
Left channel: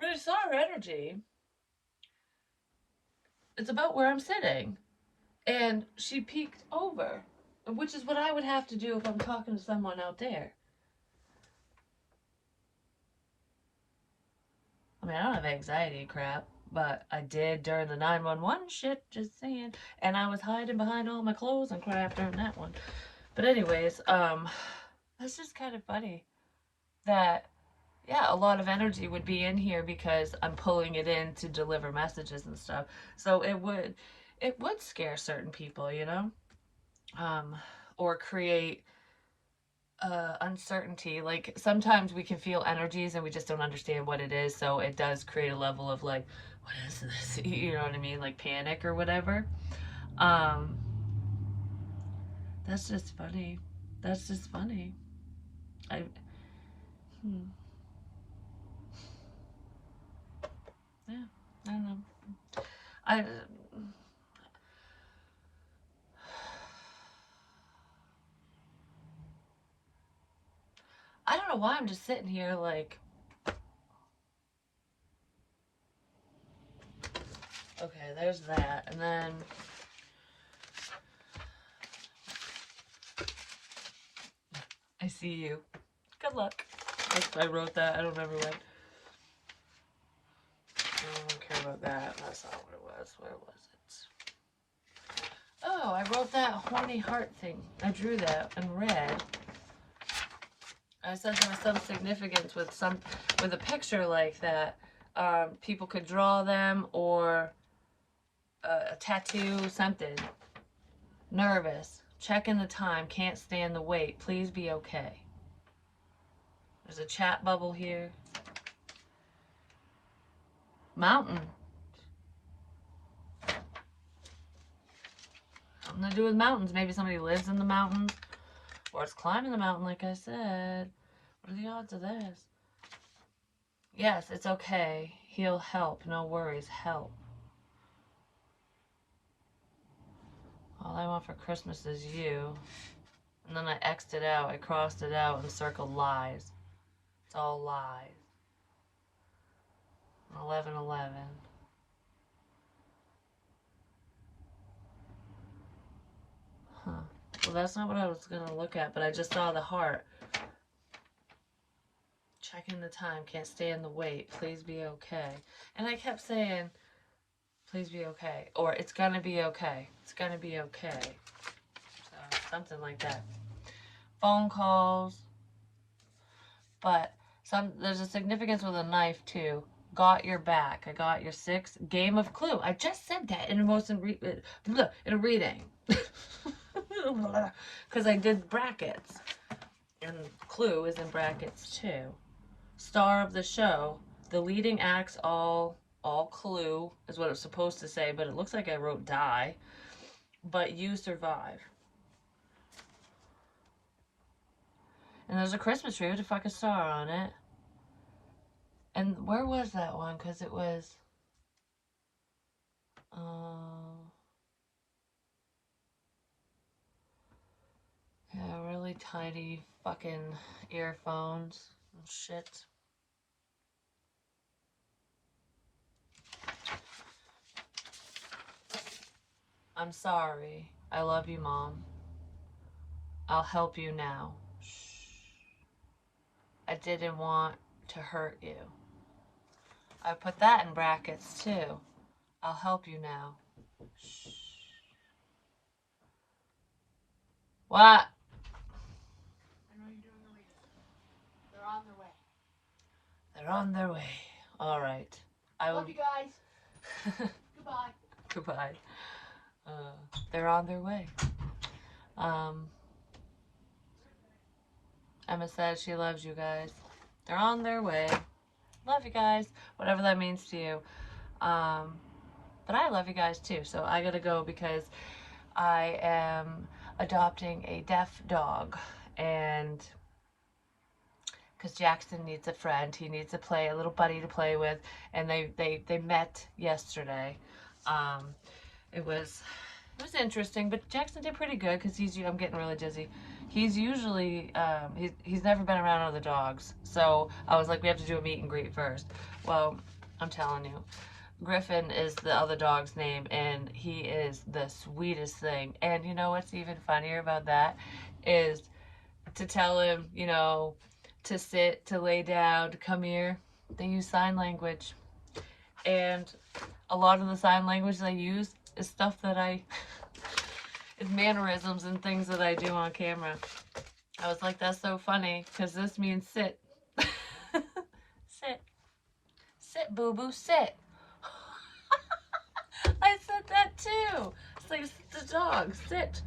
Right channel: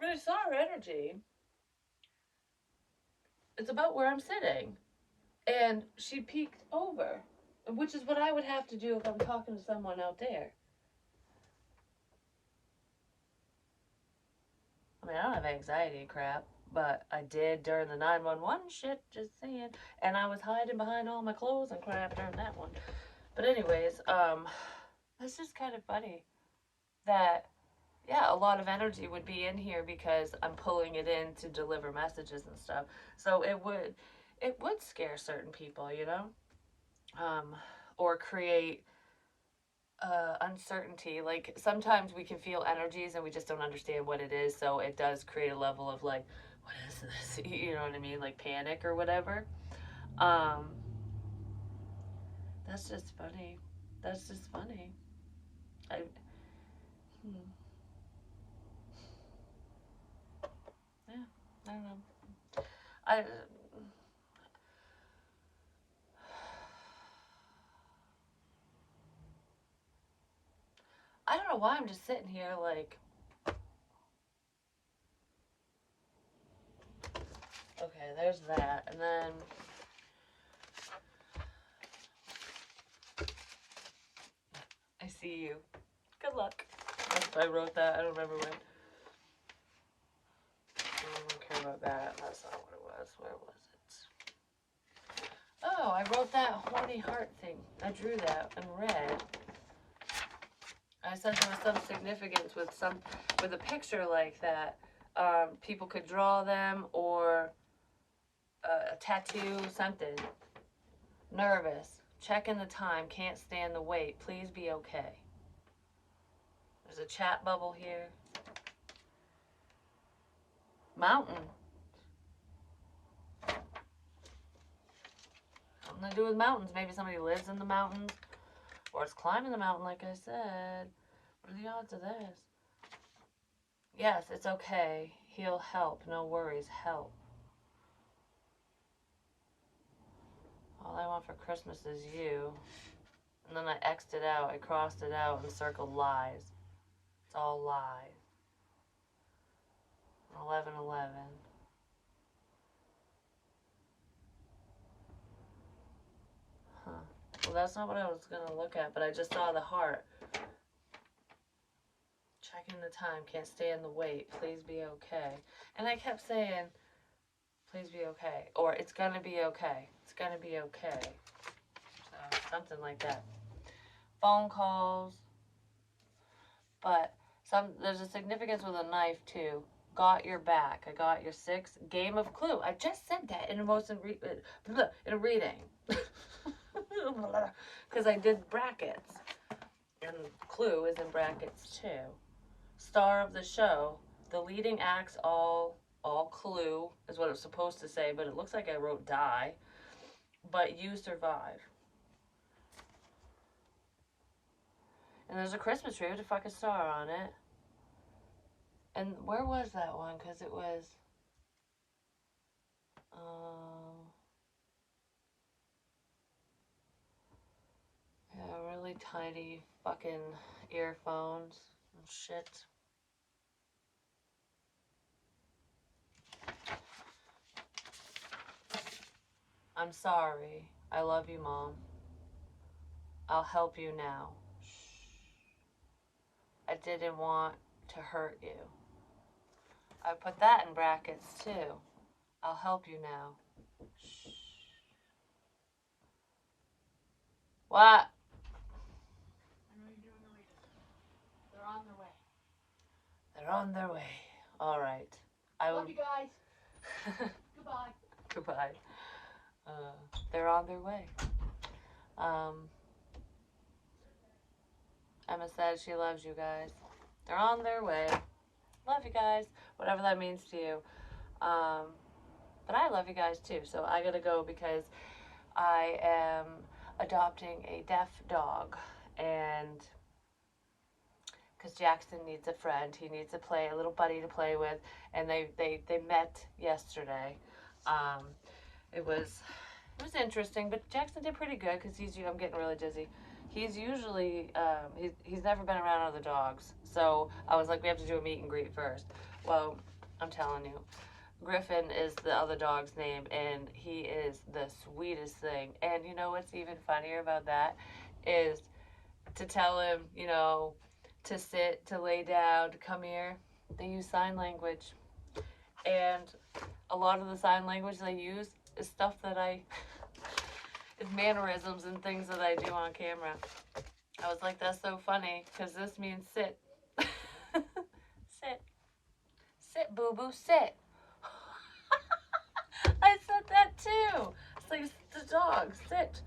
when I saw her energy, it's about where I'm sitting, and she peeked over, which is what I would have to do if I'm talking to someone out there. I mean, I don't have anxiety crap, but I did during the 911 shit, just saying. And I was hiding behind all my clothes and crap during that one. But anyways, that's just kind of funny that, yeah, a lot of energy would be in here because I'm pulling it in to deliver messages and stuff. So it would scare certain people, you know, or create uncertainty. Like, sometimes we can feel energies and we just don't understand what it is, so it does create a level of like, what is this? You know what I mean? Like panic or whatever. Um, that's just funny. That's just funny. I hmm, yeah, I don't know. I I don't know why I'm just sitting here like, okay, there's that, and then I see you. Good luck. I wrote that. I don't remember when. I don't care about that. That's not what it was. Where was it? Oh, I wrote that horny heart thing. I drew that in red. I said there was some significance with a picture like that. People could draw them, or a tattoo, something. Nervous. Checking the time. Can't stand the wait. Please be okay. There's a chat bubble here. Mountain. something to do with mountains. Maybe somebody lives in the mountains, or it's climbing the mountain, like I said. What are the odds of this? Yes, it's okay. He'll help. No worries. Help. All I want for Christmas is you. And then I X'd it out. I crossed it out and circled lies. It's all lies. 11:11. Huh. Well, that's not what I was going to look at, but I just saw the heart. Checking the time. Can't stand the wait. Please be okay. And I kept saying, please be okay. Or it's going to be okay. It's going to be okay. So, something like that. Phone calls. But there's a significance with a knife, too. Got your back. I got your 6. Game of Clue. I just said that in a reading. Because I did brackets. And Clue is in brackets, too. Star of the show. The leading acts all Clue is what it's supposed to say, but it looks like I wrote die. But you survive. And there's a Christmas tree with a fucking star on it. And where was that one? Because it was... yeah, really tiny fucking earphones and shit. I'm sorry. I love you, Mom. I'll help you now. I didn't want to hurt you. I put that in brackets, too. I'll help you now. What? They're on their way. All right. I will. Love you guys. Goodbye. Goodbye. They're on their way. Emma says she loves you guys. They're on their way. Love you guys. Whatever that means to you. But I love you guys too. So I gotta go because I am adopting a deaf dog. And because Jackson needs a friend. He needs a little buddy to play with. And they met yesterday. It was interesting, but Jackson did pretty good because I'm getting really dizzy. He's usually, he's never been around other dogs. So I was like, we have to do a meet and greet first. Well, I'm telling you, Griffin is the other dog's name, and he is the sweetest thing. And you know what's even funnier about that is to tell him, you know, to sit, to lay down, to come here. They use sign language. And a lot of the sign language they use is stuff that is mannerisms and things that I do on camera. I was like, that's so funny, because this means sit. Sit. Sit, boo-boo, sit. I said that too. It's like the dog, sit.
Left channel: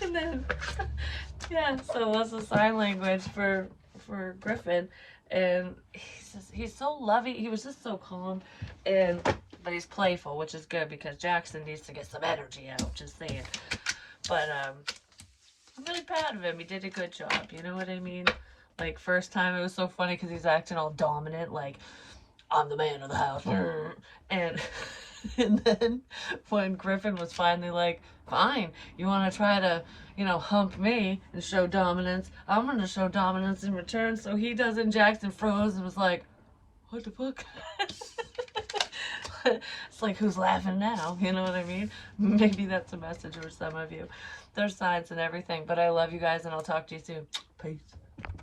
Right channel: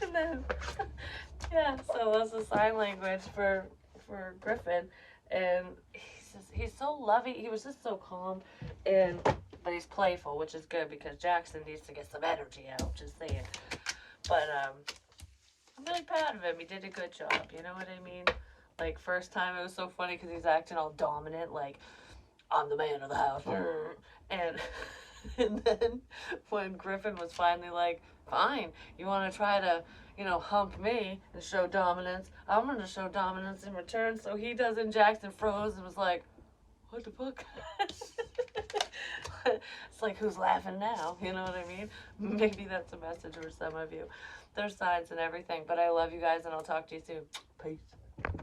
And then, yeah, so that's the sign language for Griffin. And he's so loving. He was just so calm, but he's playful, which is good because Jackson needs to get some energy out. Just saying. But I'm really proud of him. He did a good job. You know what I mean? Like first time it was so funny because he's acting all dominant, like I'm the man of the house, and then when Griffin was finally like, fine, you want to try to, you know, hump me and show dominance, I'm going to show dominance in return. So he does, and Jackson froze and was like, what the fuck? It's like, who's laughing now? You know what I mean? Maybe that's a message for some of you. There's signs and everything, but I love you guys, and I'll talk to you soon. Peace.